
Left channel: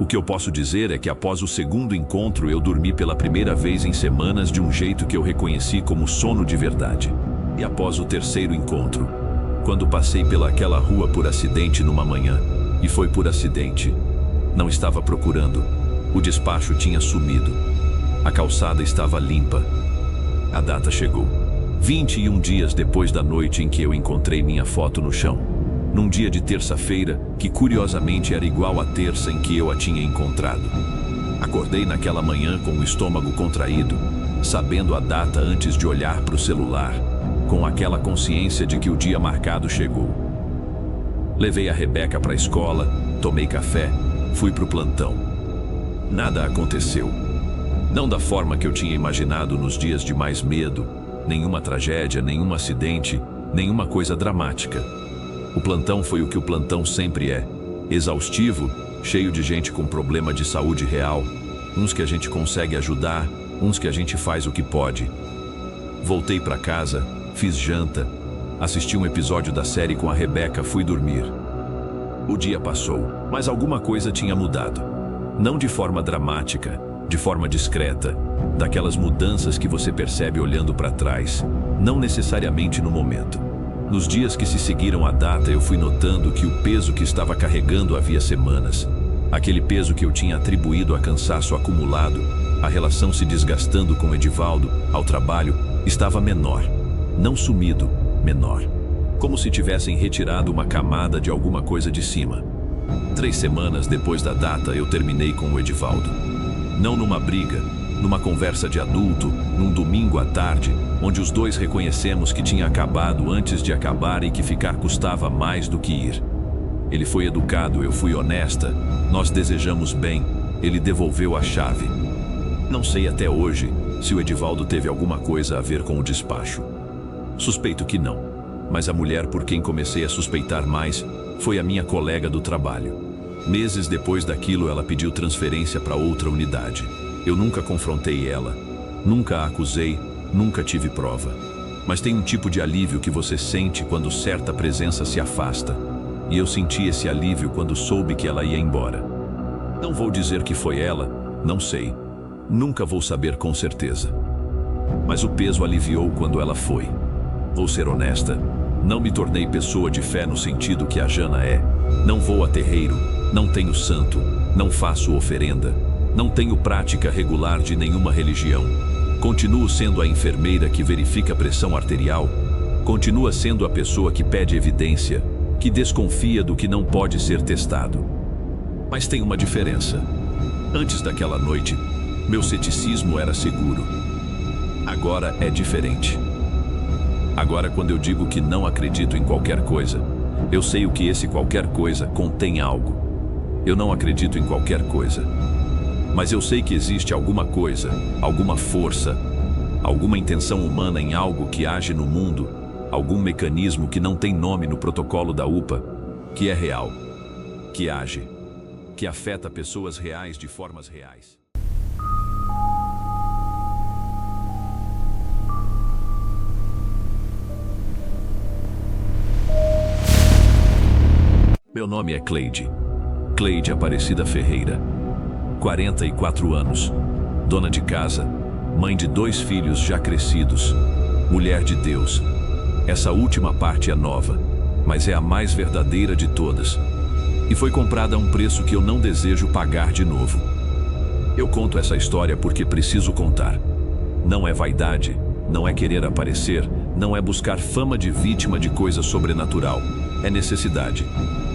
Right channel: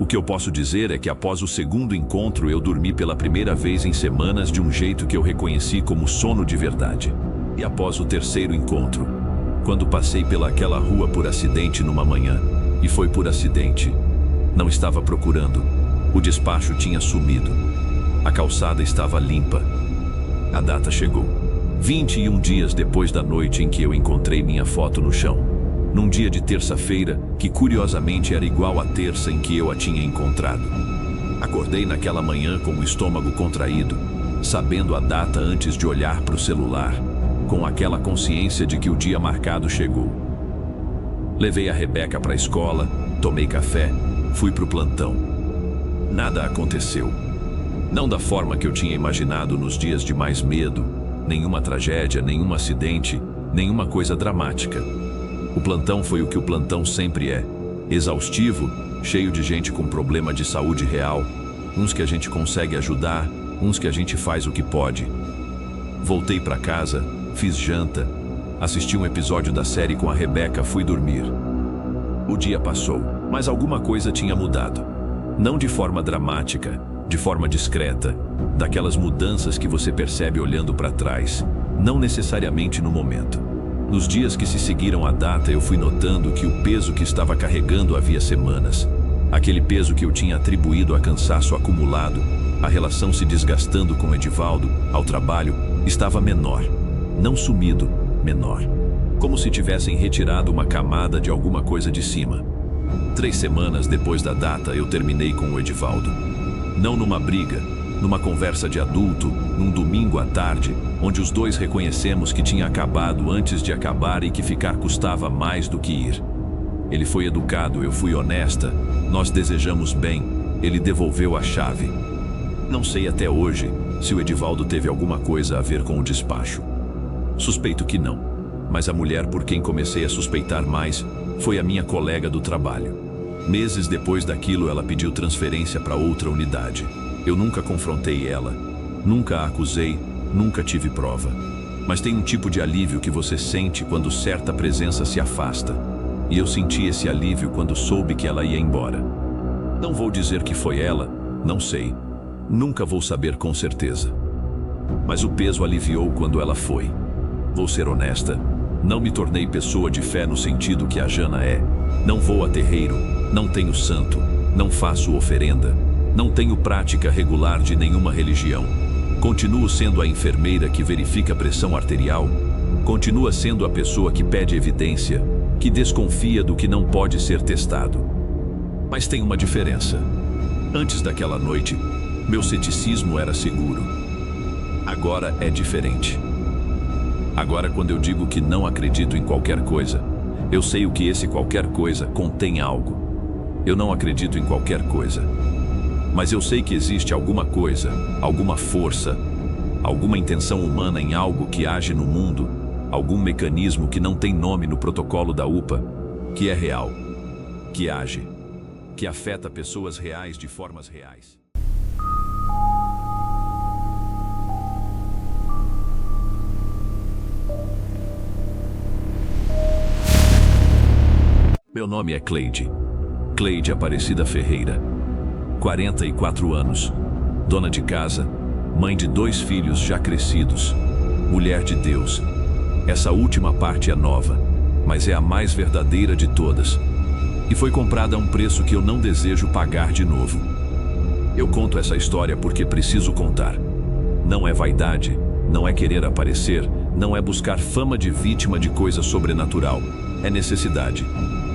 O que eu posso dizer é que após o 2º encontro eu dormi pela primeira vez em semanas de um jeito que eu reconheci como sono de verdade. E após o 3º encontro, quando passei pelaquela rua por acidente numa manhã, e foi por acidente, não estava procurando, o despacho tinha sumido. A calçada estava limpa. A data chegou. 21 dias depois da noite em que eu encontrei minha foto no chão. Num dia de terça-feira, que curiosamente era igual à terça em que eu a tinha encontrado. Acordei naquela manhã com o estômago contraído, sabendo a data antes de olhar para o celular, com aquela consciência de que o dia marcado chegou. Levei a Rebeca para a escola, tomei café, fui para o plantão. Nada aconteceu. Não da forma que eu tinha imaginado nos dias de mais medo, nenhuma tragédia, nenhum acidente, nenhuma coisa dramática. O plantão foi o que o plantão sempre é, exaustivo, cheio de gente com problema de saúde real, uns que a gente consegue ajudar, uns que a gente faz o que pode. Voltei para casa, fiz janta, assisti um episódio da série com a Rebeca, fui dormir. O dia passou, mas alguma coisa tinha mudado. Não de forma dramática, de forma discreta, daquelas mudanças que você percebe olhando para trás, não necessariamente no momento. Nos dias que se seguiram à data, eu fui notando que o peso que estava carregando havia semanas, aquele peso que eu tinha atribuído a cansaço acumulado, a relação se desgastando com Edivaldo, ao trabalho, estava menor. Não sumido, menor. como se tivessem retirado uma camada de alguma coisa de cima. 3 semanas depois da data, eu terminei com o Edivaldo. Não numa briga, numa conversa de adulto, num domingo à tarde, onde os dois reconhecemos que tinha acabado antes de acabar e que ficar custava mais do que ir. Ele foi educado, eu fui honesta, nós desejamos bem, ele devolveu a chave. Não sei até hoje se o Edivaldo teve alguma coisa a ver com o despacho. Suspeito que não, mas a mulher por quem comecei a suspeitar mais foi a minha colega do trabalho. Meses depois daquilo, ela pediu transferência para outra unidade. Eu nunca confrontei ela, nunca a acusei, nunca tive prova. Mas tem um tipo de alívio que você sente quando certa presença se afasta. E eu senti esse alívio quando soube que ela ia embora. Não vou dizer que foi ela, não sei. Nunca vou saber com certeza. Mas o peso aliviou quando ela foi. Vou ser honesta, não me tornei pessoa de fé no sentido que a Jana é. Não vou a terreiro, não tenho santo, não faço oferenda, não tenho prática regular de nenhuma religião. Continuo sendo a enfermeira que verifica a pressão arterial, continua sendo a pessoa que pede evidência, que desconfia do que não pode ser testado. Mas tem uma diferença. Antes daquela noite, meu ceticismo era seguro. Agora é diferente. Agora, quando eu digo que não acredito em qualquer coisa, eu sei o que esse qualquer coisa contém algo. Eu não acredito em qualquer coisa. Mas eu sei que existe alguma coisa, alguma força, alguma intenção humana em algo que age no mundo, algum mecanismo que não tem nome no protocolo da UPA, que é real, que age, que afeta pessoas reais de formas reais. Meu nome é Cleide Aparecida Ferreira, 44 anos, dona de casa, mãe de 2 filhos já crescidos, mulher de Deus. Essa última parte é nova, mas é a mais verdadeira de todas. E foi comprada a um preço que eu não desejo pagar de novo. Eu conto essa história porque preciso contar. Não é vaidade, não é querer aparecer, não é buscar fama de vítima de coisa sobrenatural. É necessidade.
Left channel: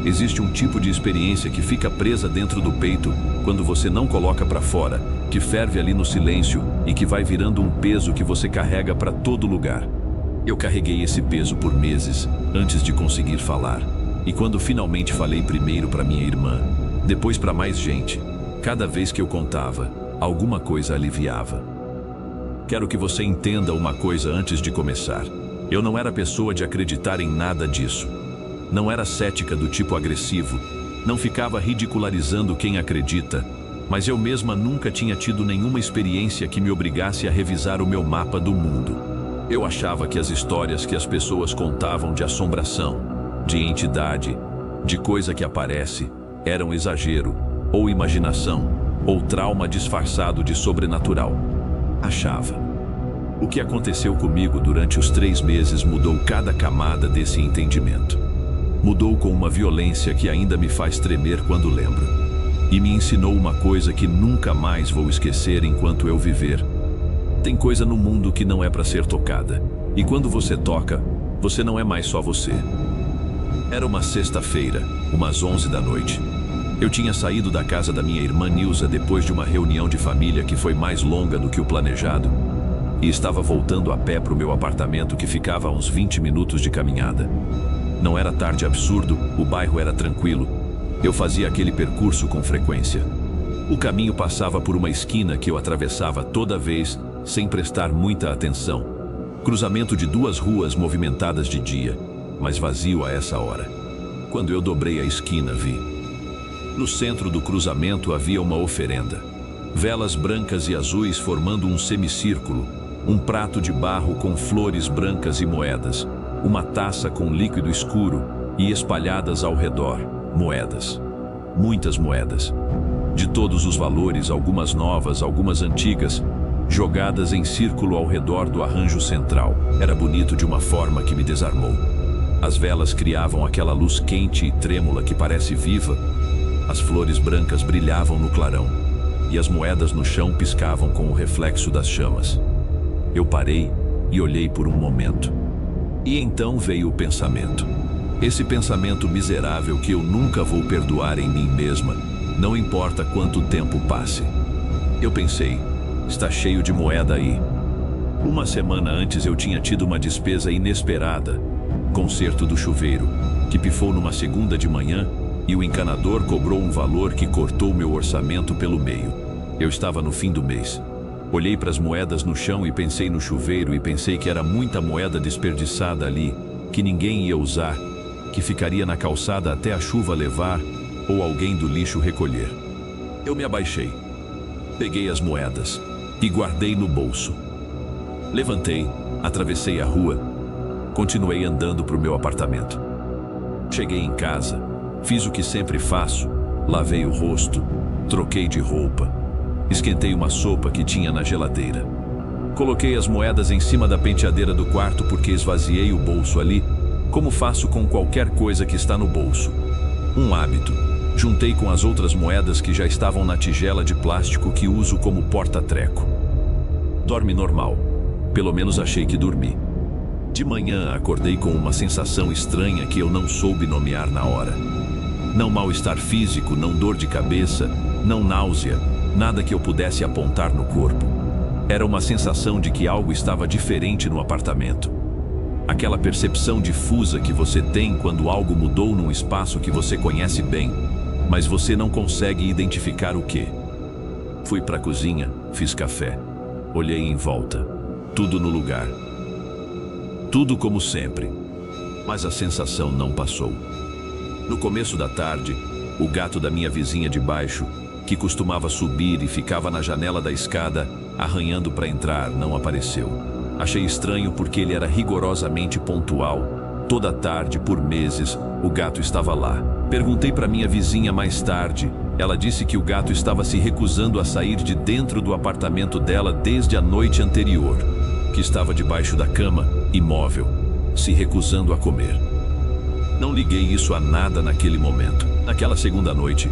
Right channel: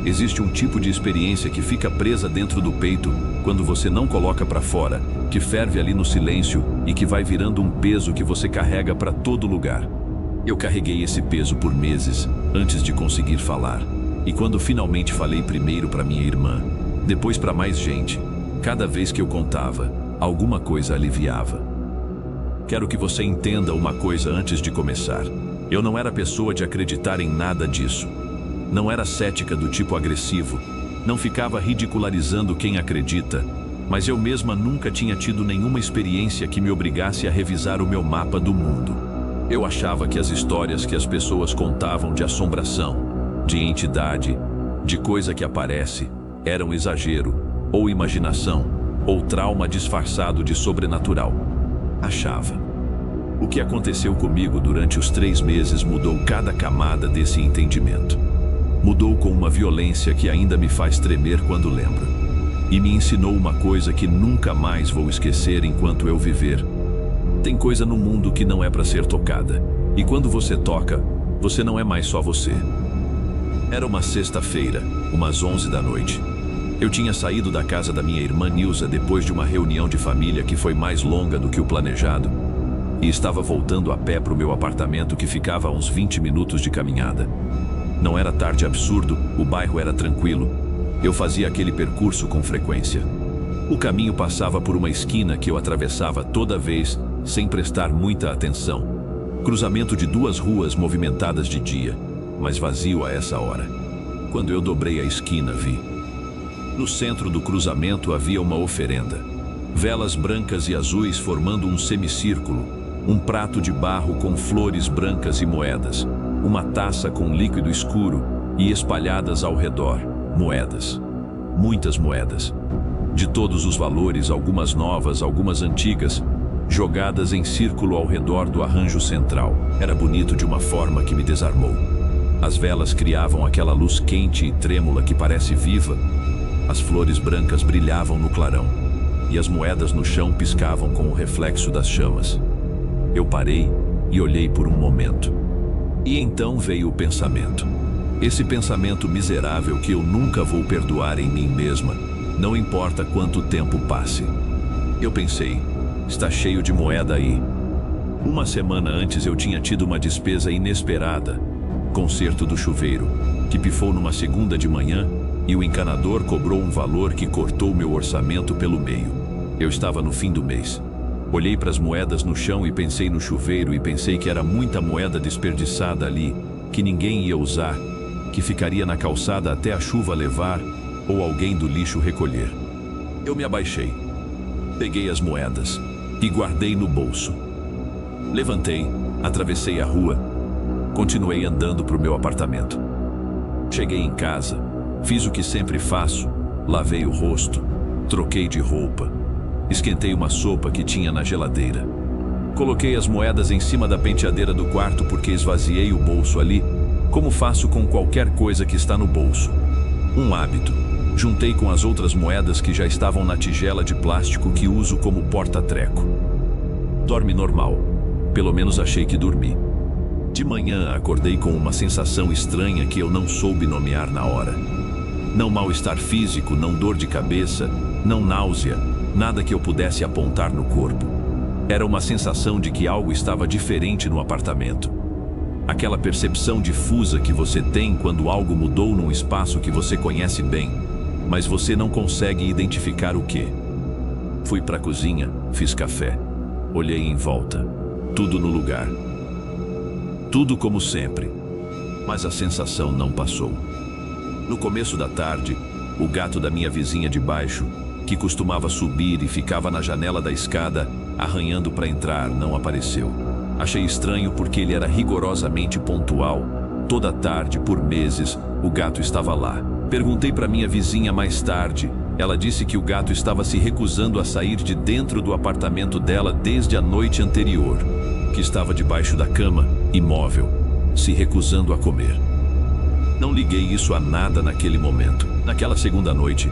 Existe um tipo de experiência que fica presa dentro do peito quando você não coloca para fora, que ferve ali no silêncio e que vai virando um peso que você carrega para todo lugar. Eu carreguei esse peso por meses, antes de conseguir falar. E quando finalmente falei primeiro para minha irmã, depois para mais gente, cada vez que eu contava, alguma coisa aliviava. Quero que você entenda uma coisa antes de começar. Eu não era pessoa de acreditar em nada disso. Não era cética do tipo agressivo. Não ficava ridicularizando quem acredita. Mas eu mesma nunca tinha tido nenhuma experiência que me obrigasse a revisar o meu mapa do mundo. Eu achava que as histórias que as pessoas contavam de assombração, de entidade, de coisa que aparece, eram exagero, ou imaginação, ou trauma disfarçado de sobrenatural. Achava. O que aconteceu comigo durante os 3 meses mudou cada camada desse entendimento. Mudou com uma violência que ainda me faz tremer quando lembro. E me ensinou uma coisa que nunca mais vou esquecer enquanto eu viver. Tem coisa no mundo que não é para ser tocada. E quando você toca, você não é mais só você. Era uma sexta-feira, umas 11 da noite. Eu tinha saído da casa da minha irmã Nilza depois de uma reunião de família que foi mais longa do que o planejado. E estava voltando a pé para o meu apartamento que ficava a uns 20 minutos de caminhada. Não era tarde absurdo, o bairro era tranquilo. Eu fazia aquele percurso com frequência. O caminho passava por uma esquina que eu atravessava toda vez, sem prestar muita atenção. Cruzamento de 2 ruas movimentadas de dia, mas vazio a essa hora. Quando eu dobrei a esquina, vi. No centro do cruzamento havia uma oferenda. Velas brancas e azuis formando um semicírculo, um prato de barro com flores brancas e moedas, uma taça com líquido escuro e espalhadas ao redor, moedas. Muitas moedas. De todos os valores, algumas novas, algumas antigas, jogadas em círculo ao redor do arranjo central. Era bonito de uma forma que me desarmou. As velas criavam aquela luz quente e trêmula que parece viva. As flores brancas brilhavam no clarão, e as moedas no chão piscavam com o reflexo das chamas. Eu parei e olhei por um momento. E então veio o pensamento. Esse pensamento miserável que eu nunca vou perdoar em mim mesma, não importa quanto tempo passe. Eu pensei, está cheio de moeda aí. Uma semana antes eu tinha tido uma despesa inesperada, conserto do chuveiro, que pifou numa segunda de manhã e o encanador cobrou um valor que cortou meu orçamento pelo meio. Eu estava no fim do mês. Olhei para as moedas no chão e pensei no chuveiro e pensei que era muita moeda desperdiçada ali, que ninguém ia usar, que ficaria na calçada até a chuva levar ou alguém do lixo recolher. Eu me abaixei, peguei as moedas e guardei no bolso. Levantei, atravessei a rua, continuei andando para o meu apartamento. Cheguei em casa, fiz o que sempre faço, lavei o rosto, troquei de roupa, esquentei uma sopa que tinha na geladeira. Coloquei as moedas em cima da penteadeira do quarto porque esvaziei o bolso ali, como faço com qualquer coisa que está no bolso. Um hábito. Juntei com as outras moedas que já estavam na tigela de plástico que uso como porta-treco. Dorme normal. Pelo menos achei que dormi. De manhã acordei com uma sensação estranha que eu não soube nomear na hora. Não mal-estar físico, não dor de cabeça, não náusea, nada que eu pudesse apontar no corpo. Era uma sensação de que algo estava diferente no apartamento. Aquela percepção difusa que você tem quando algo mudou num espaço que você conhece bem, mas você não consegue identificar o quê. Fui para a cozinha, fiz café, olhei em volta, tudo no lugar. Tudo como sempre, mas a sensação não passou. No começo da tarde, o gato da minha vizinha de baixo, que costumava subir e ficava na janela da escada, arranhando para entrar, não apareceu. Achei estranho porque ele era rigorosamente pontual. Toda tarde, por meses, o gato estava lá. Perguntei para minha vizinha mais tarde. Ela disse que o gato estava se recusando a sair de dentro do apartamento dela desde a noite anterior, que estava debaixo da cama, imóvel, se recusando a comer. Não liguei isso a nada naquele momento. Naquela segunda noite,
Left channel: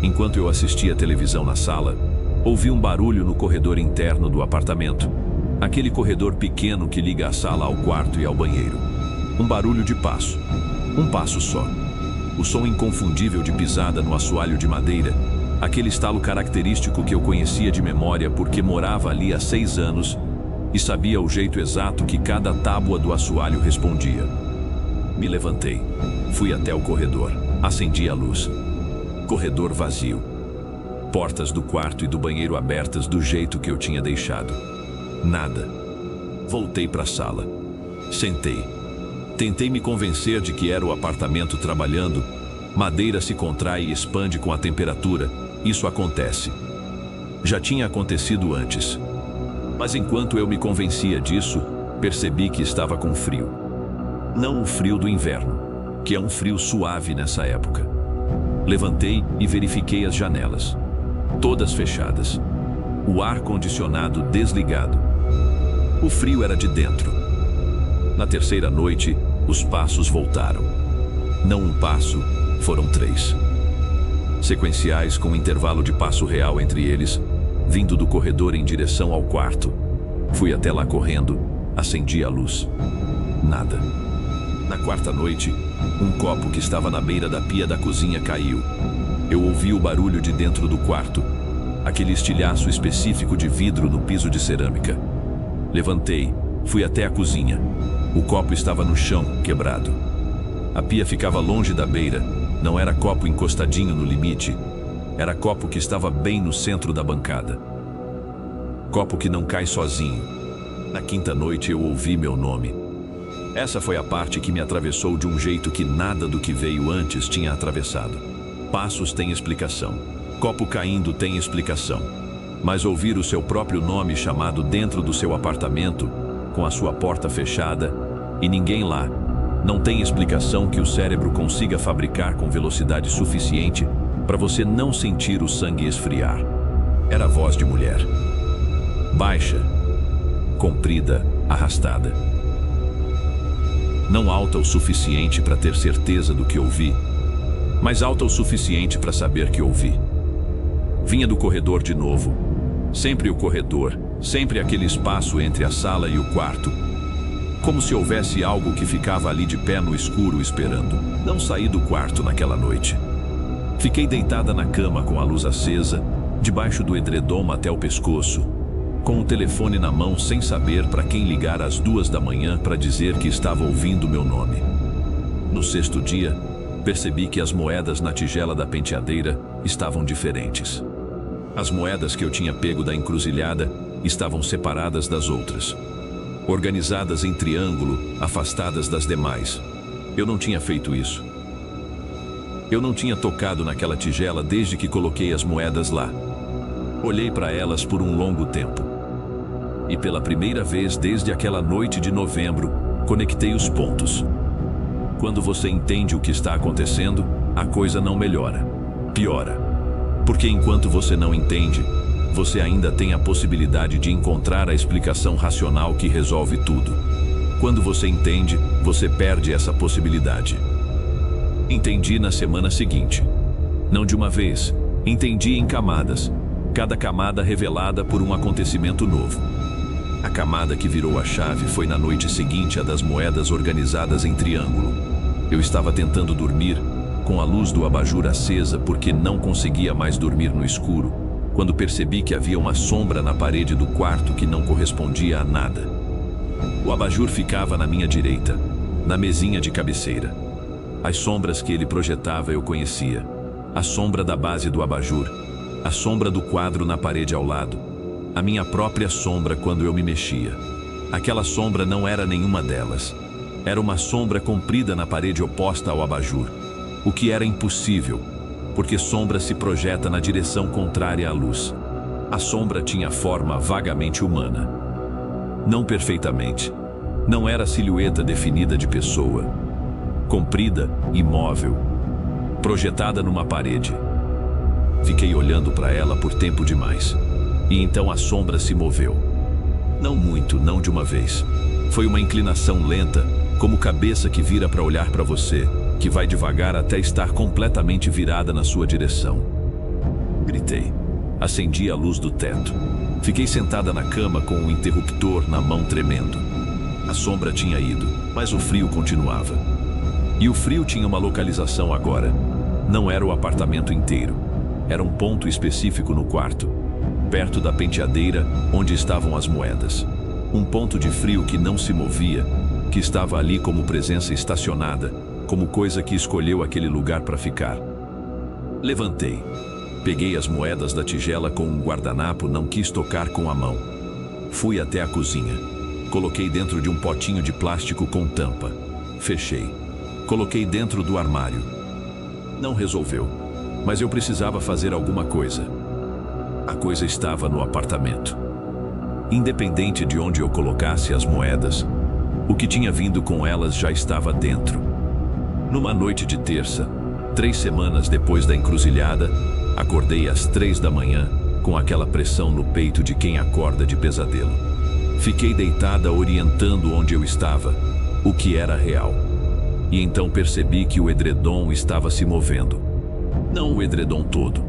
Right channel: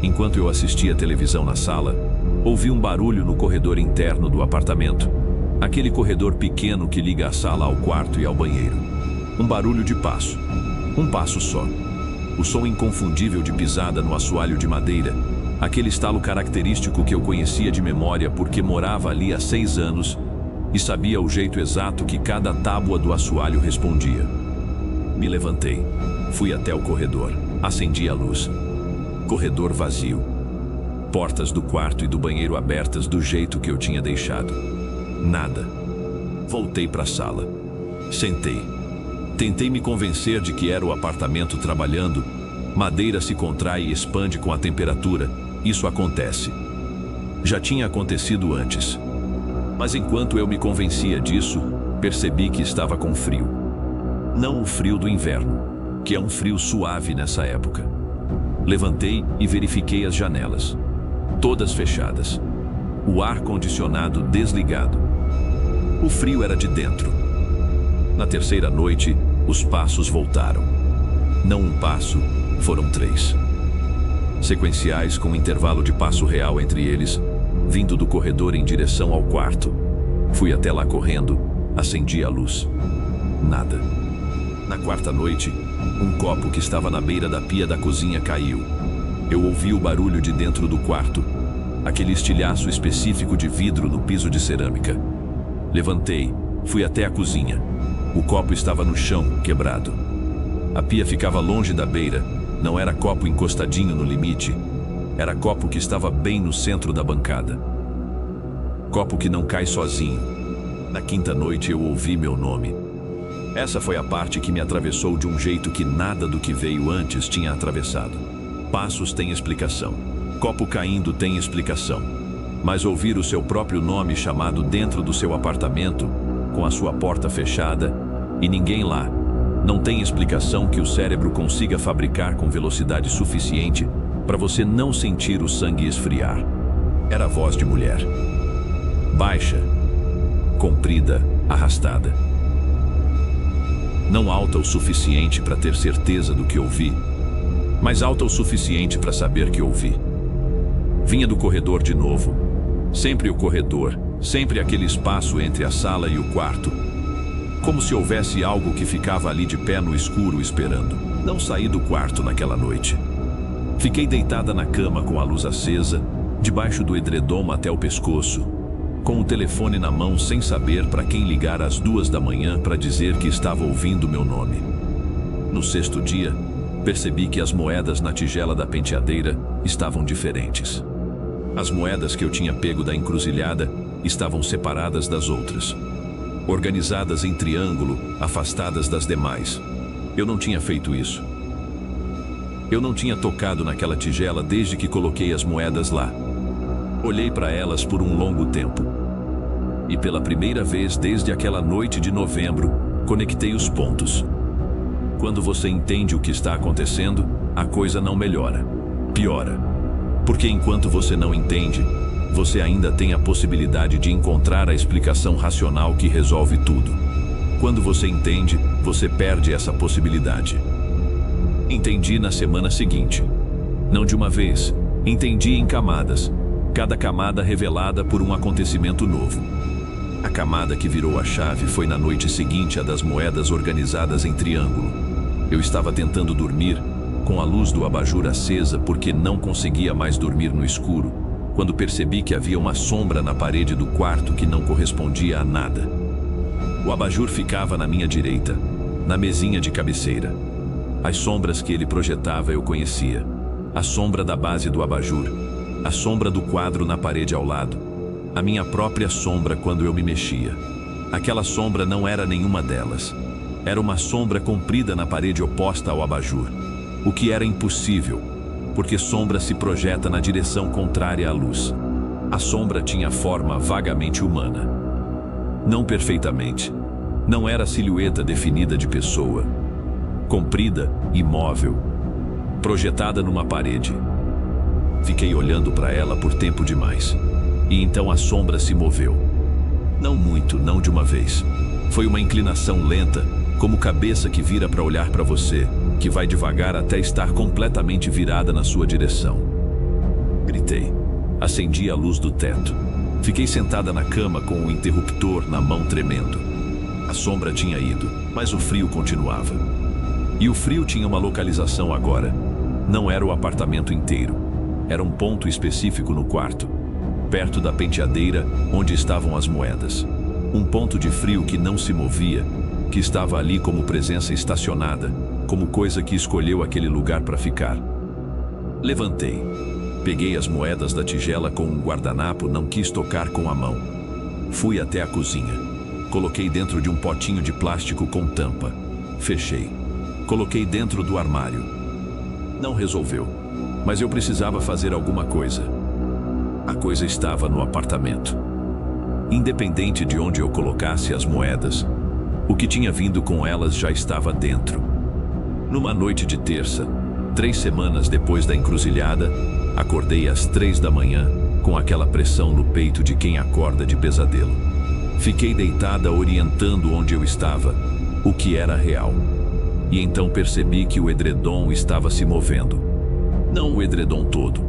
enquanto eu assistia a televisão na sala, ouvi um barulho no corredor interno do apartamento. Aquele corredor pequeno que liga a sala ao quarto e ao banheiro. Um barulho de passo. Um passo só. O som inconfundível de pisada no assoalho de madeira. Aquele estalo característico que eu conhecia de memória porque morava ali há 6 anos e sabia o jeito exato que cada tábua do assoalho respondia. Me levantei. Fui até o corredor. Acendi a luz. Corredor vazio. Portas do quarto e do banheiro abertas do jeito que eu tinha deixado. Nada. Voltei para a sala. Sentei. Tentei me convencer de que era o apartamento trabalhando. Madeira se contrai e expande com a temperatura. Isso acontece. Já tinha acontecido antes. Mas enquanto eu me convencia disso, percebi que estava com frio. Não o frio do inverno, que é um frio suave nessa época. Levantei e verifiquei as janelas. Todas fechadas. O ar-condicionado desligado. O frio era de dentro. Na terceira noite, os passos voltaram. Não um passo, foram 3. Sequenciais com intervalo de passo real entre eles, vindo do corredor em direção ao quarto. Fui até lá correndo, acendi a luz. Nada. Na quarta noite, um copo que estava na beira da pia da cozinha caiu. Eu ouvi o barulho de dentro do quarto, aquele estilhaço específico de vidro no piso de cerâmica. Levantei, fui até a cozinha. O copo estava no chão, quebrado. A pia ficava longe da beira, não era copo encostadinho no limite. Era copo que estava bem no centro da bancada. Copo que não cai sozinho. Na quinta noite eu ouvi meu nome. Essa foi a parte que me atravessou de um jeito que nada do que veio antes tinha atravessado. Passos têm explicação. Copo caindo tem explicação. Mas ouvir o seu próprio nome chamado dentro do seu apartamento, com a sua porta fechada, e ninguém lá, não tem explicação que o cérebro consiga fabricar com velocidade suficiente para você não sentir o sangue esfriar. Era a voz de mulher. Baixa, comprida, arrastada. Não alta o suficiente para ter certeza do que ouvi, mas alta o suficiente para saber que ouvi. Vinha do corredor de novo. Sempre o corredor, sempre aquele espaço entre a sala e o quarto. como se houvesse algo que ficava ali de pé no escuro esperando. Não saí do quarto naquela noite. Fiquei deitada na cama com a luz acesa, debaixo do edredom até o pescoço, com o telefone na mão sem saber para quem ligar às 2 da manhã para dizer que estava ouvindo meu nome. No 6º dia, percebi que as moedas na tigela da penteadeira estavam diferentes. As moedas que eu tinha pego da encruzilhada estavam separadas das outras, organizadas em triângulo, afastadas das demais. Eu não tinha feito isso. Eu não tinha tocado naquela tigela desde que coloquei as moedas lá. Olhei para elas por um longo tempo. E pela primeira vez desde aquela noite de novembro, conectei os pontos. Quando você entende o que está acontecendo, a coisa não melhora, piora. Porque enquanto você não entende, você ainda tem a possibilidade de encontrar a explicação racional que resolve tudo. Quando você entende, você perde essa possibilidade. Entendi na semana seguinte. Não de uma vez, entendi em camadas, cada camada revelada por um acontecimento novo. A camada que virou a chave foi na noite seguinte à das moedas organizadas em triângulo. Eu estava tentando dormir, com a luz do abajur acesa porque não conseguia mais dormir no escuro, quando percebi que havia uma sombra na parede do quarto que não correspondia a nada. O abajur ficava na minha direita, na mesinha de cabeceira. As sombras que ele projetava eu conhecia. A sombra da base do abajur, a sombra do quadro na parede ao lado, a minha própria sombra quando eu me mexia. Aquela sombra não era nenhuma delas. Era uma sombra comprida na parede oposta ao abajur, o que era impossível, porque sombra se projeta na direção contrária à luz. A sombra tinha forma vagamente humana. Não perfeitamente. Não era silhueta definida de pessoa. Comprida, imóvel, projetada numa parede. Fiquei olhando para ela por tempo demais. E então a sombra se moveu. Não muito, não de uma vez. Foi uma inclinação lenta, como cabeça que vira para olhar para você, que vai devagar até estar completamente virada na sua direção. Gritei. Acendi a luz do teto. Fiquei sentada na cama com o interruptor na mão tremendo. A sombra tinha ido, mas o frio continuava. E o frio tinha uma localização agora. Não era o apartamento inteiro. Era um ponto específico no quarto, perto da penteadeira onde estavam as moedas. Um ponto de frio que não se movia, que estava ali como presença estacionada, como coisa que escolheu aquele lugar para ficar. Levantei. Peguei as moedas da tigela com um guardanapo, não quis tocar com a mão. Fui até a cozinha. Coloquei dentro de um potinho de plástico com tampa. Fechei. Coloquei dentro do armário. Não resolveu, mas eu precisava fazer alguma coisa. A coisa estava no apartamento. Independente de onde eu colocasse as moedas, o que tinha vindo com elas já estava dentro. Numa noite de terça, 3 semanas depois da encruzilhada, acordei às 3 da manhã, com aquela pressão no peito de quem acorda de pesadelo. Fiquei deitada orientando onde eu estava, o que era real. E então percebi que o edredom estava se movendo. Não o edredom todo,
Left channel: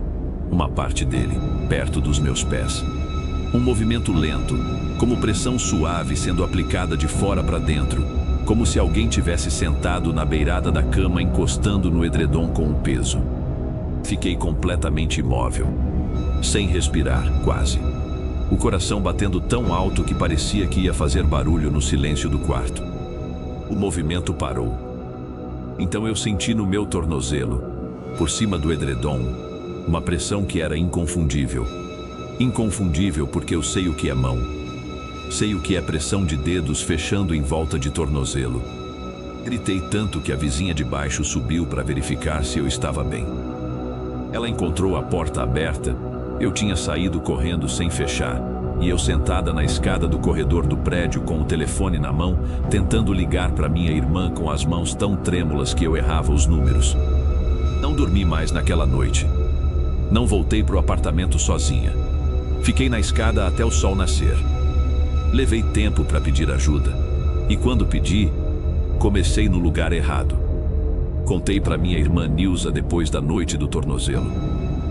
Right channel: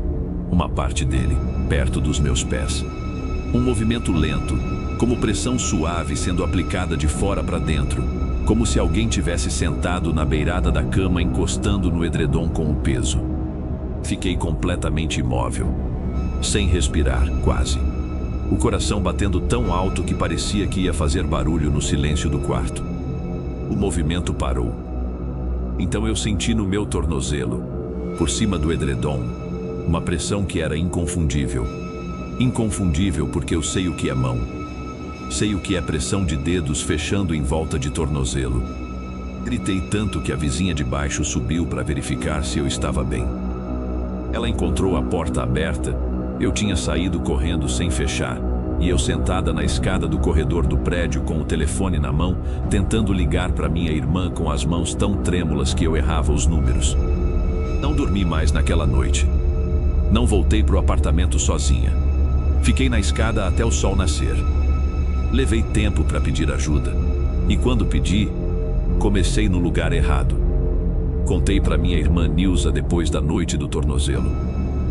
uma parte dele, perto dos meus pés. Um movimento lento, como pressão suave sendo aplicada de fora para dentro, como se alguém tivesse sentado na beirada da cama encostando no edredom com o peso. Fiquei completamente imóvel, sem respirar, quase. O coração batendo tão alto que parecia que ia fazer barulho no silêncio do quarto. O movimento parou. Então eu senti no meu tornozelo, por cima do edredom, uma pressão que era inconfundível. Inconfundível porque eu sei o que é mão. Sei o que é pressão de dedos fechando em volta de tornozelo. Gritei tanto que a vizinha de baixo subiu para verificar se eu estava bem. Ela encontrou a porta aberta, eu tinha saído correndo sem fechar, e eu sentada na escada do corredor do prédio com o telefone na mão, tentando ligar para minha irmã com as mãos tão trêmulas que eu errava os números. Não dormi mais naquela noite. Não voltei para o apartamento sozinha. Fiquei na escada até o sol nascer. Levei tempo para pedir ajuda. E quando pedi, comecei no lugar errado. Contei para minha irmã Nilza depois da noite do tornozelo.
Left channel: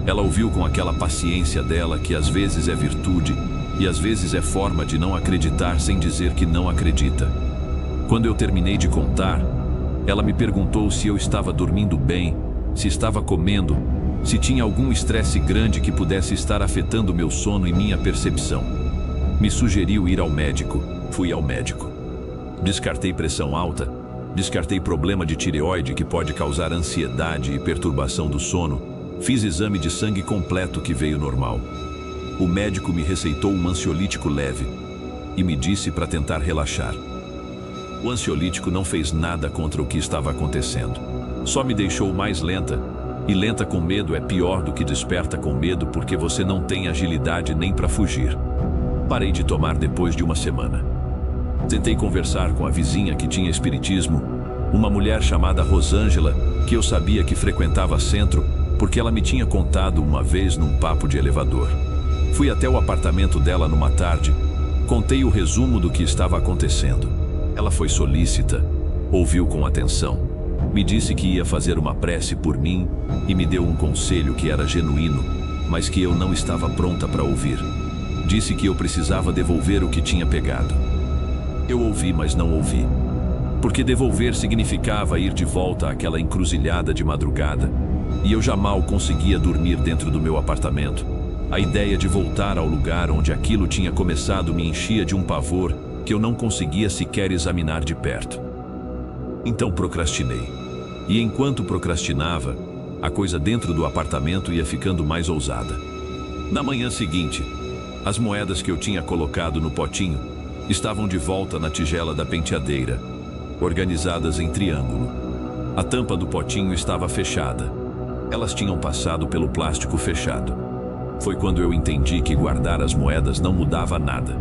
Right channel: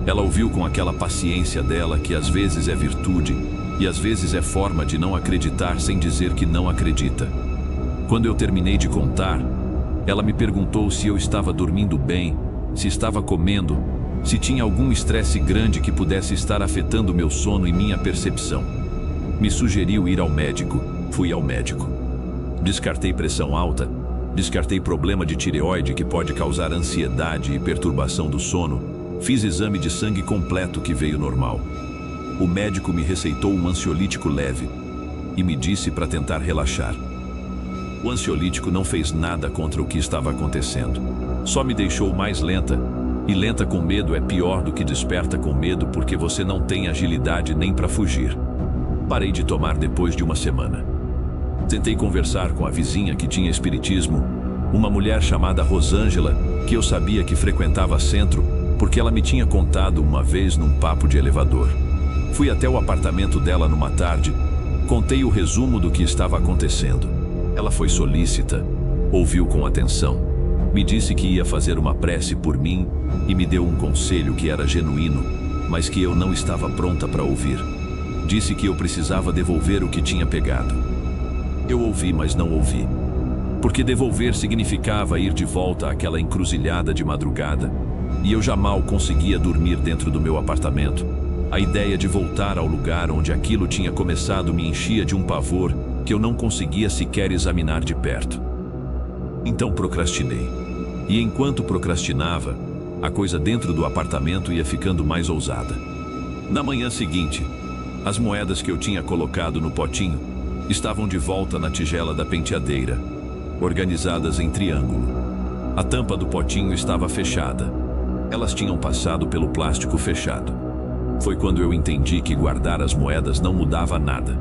Ela ouviu com aquela paciência dela que às vezes é virtude e às vezes é forma de não acreditar sem dizer que não acredita. Quando eu terminei de contar, ela me perguntou se eu estava dormindo bem, se estava comendo, se tinha algum estresse grande que pudesse estar afetando meu sono e minha percepção. Me sugeriu ir ao médico. Fui ao médico. Descartei pressão alta, descartei problema de tireoide que pode causar ansiedade e perturbação do sono. Fiz exame de sangue completo que veio normal. O médico me receitou um ansiolítico leve e me disse para tentar relaxar. O ansiolítico não fez nada contra o que estava acontecendo. Só me deixou mais lenta, e lenta com medo é pior do que desperta com medo porque você não tem agilidade nem para fugir. Parei de tomar depois de uma semana. Tentei conversar com a vizinha que tinha espiritismo, uma mulher chamada Rosângela, que eu sabia que frequentava centro, porque ela me tinha contado uma vez num papo de elevador. Fui até o apartamento dela numa tarde, contei o resumo do que estava acontecendo. Ela foi solícita, ouviu com atenção, me disse que ia fazer uma prece por mim e me deu um conselho que era genuíno, mas que eu não estava pronta para ouvir. Disse que eu precisava devolver o que tinha pegado. Eu ouvi, mas não ouvi. Porque devolver significava ir de volta àquela encruzilhada de madrugada, e eu já mal conseguia dormir dentro do meu apartamento. A ideia de voltar ao lugar onde aquilo tinha começado me enchia de um pavor que eu não conseguia sequer examinar de perto. Então procrastinei. E enquanto procrastinava, a coisa dentro do apartamento ia ficando mais ousada. Na manhã seguinte, as moedas que eu tinha colocado no potinho estavam de volta na tigela da penteadeira, organizadas em triângulo. A tampa do potinho estava fechada. Elas tinham passado pelo plástico fechado. Foi quando eu entendi que guardar as moedas não mudava nada.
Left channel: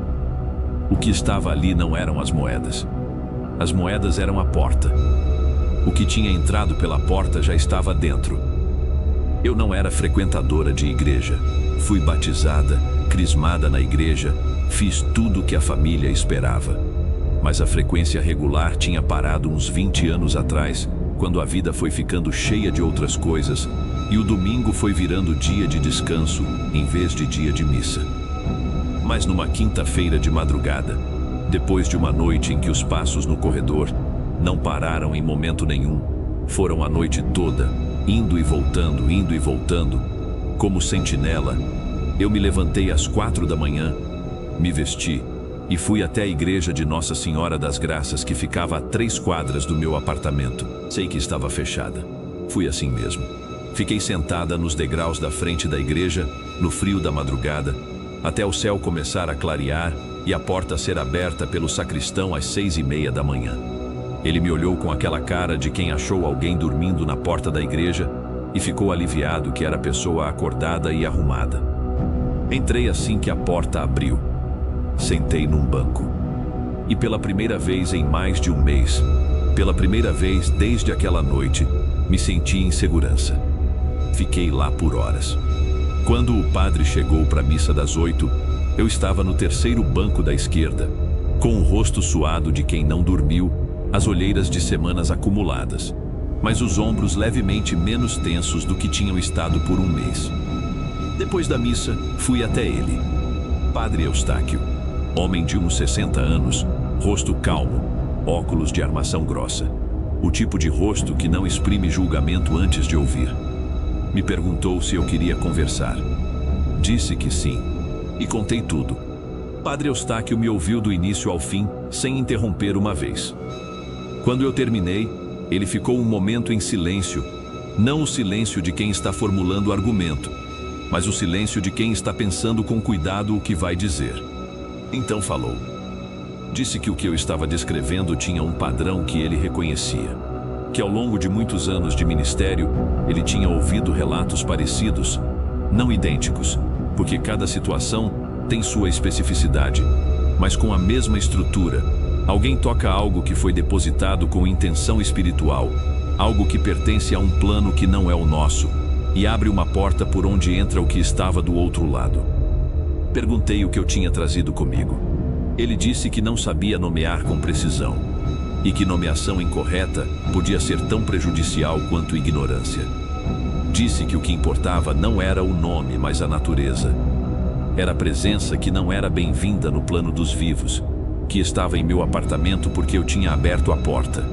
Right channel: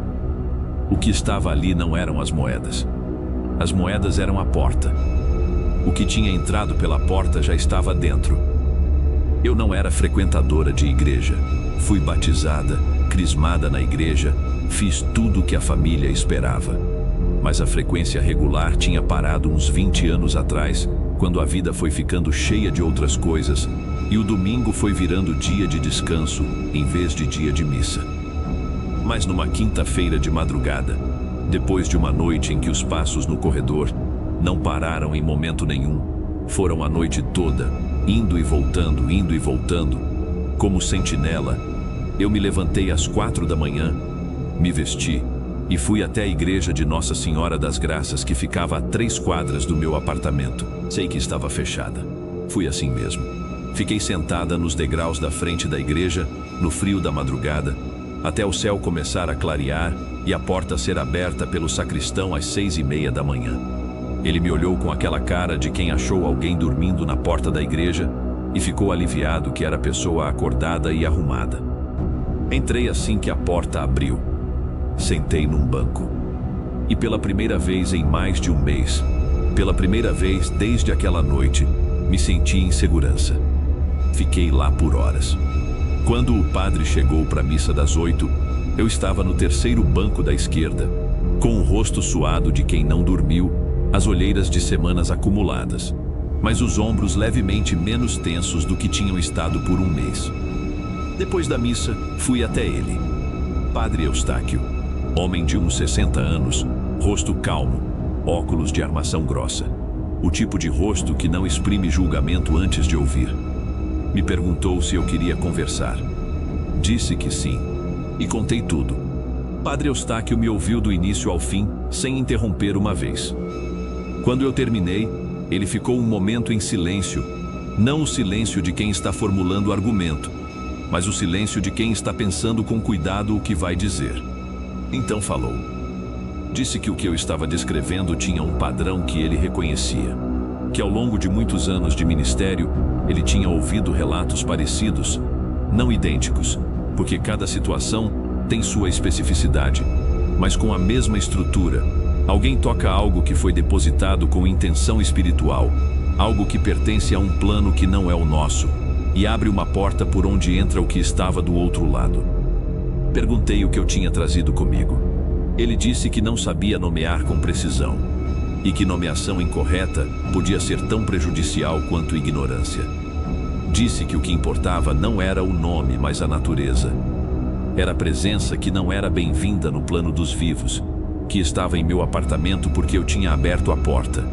O que estava ali não eram as moedas. As moedas eram a porta. O que tinha entrado pela porta já estava dentro. Eu não era frequentadora de igreja. Fui batizada, crismada na igreja, fiz tudo o que a família esperava. Mas a frequência regular tinha parado uns 20 anos atrás, quando a vida foi ficando cheia de outras coisas, e o domingo foi virando dia de descanso, em vez de dia de missa. Mas numa quinta-feira de madrugada, depois de uma noite em que os passos no corredor não pararam em momento nenhum, foram a noite toda, indo e voltando, como sentinela, eu me levantei às 4 da manhã, me vesti e fui até a igreja de Nossa Senhora das Graças, que ficava a 3 quadras do meu apartamento. Sei que estava fechada. Fui assim mesmo. Fiquei sentada nos degraus da frente da igreja, no frio da madrugada, até o céu começar a clarear e a porta ser aberta pelo sacristão às 6:30 da manhã. Ele me olhou com aquela cara de quem achou alguém dormindo na porta da igreja e ficou aliviado que era pessoa acordada e arrumada. Entrei assim que a porta abriu. Sentei num banco. E pela primeira vez em mais de um mês, pela primeira vez desde aquela noite, me senti em segurança. Fiquei lá por horas. Quando o padre chegou para a missa das 8, eu estava no terceiro banco da esquerda, com o rosto suado de quem não dormiu, as olheiras de semanas acumuladas, mas os ombros levemente menos tensos do que tinham estado por um mês. Depois da missa, fui até ele. Padre Eustáquio, homem de uns 60 anos, rosto calmo, óculos de armação grossa. O tipo de rosto que não exprime julgamento antes de ouvir. Me perguntou se eu queria conversar. Disse que sim. E contei tudo. Padre Eustáquio me ouviu do início ao fim, sem interromper uma vez. Quando eu terminei, ele ficou um momento em silêncio. Não o silêncio de quem está formulando o argumento, mas o silêncio de quem está pensando com cuidado o que vai dizer. Então falou. Disse que o que eu estava descrevendo tinha um padrão que ele reconhecia. Que ao longo de muitos anos de ministério, ele tinha ouvido relatos parecidos, não idênticos, porque cada situação tem sua especificidade, mas com a mesma estrutura. Alguém toca algo que foi depositado com intenção espiritual, algo que pertence a um plano que não é o nosso, e abre uma porta por onde entra o que estava do outro lado. Perguntei o que eu tinha trazido comigo. Ele disse que não sabia nomear com precisão, e que nomeação incorreta podia ser tão prejudicial quanto ignorância. Disse que o que importava não era o nome, mas a natureza. Era a presença que não era bem-vinda no plano dos vivos, que estava em meu apartamento porque eu tinha aberto a porta.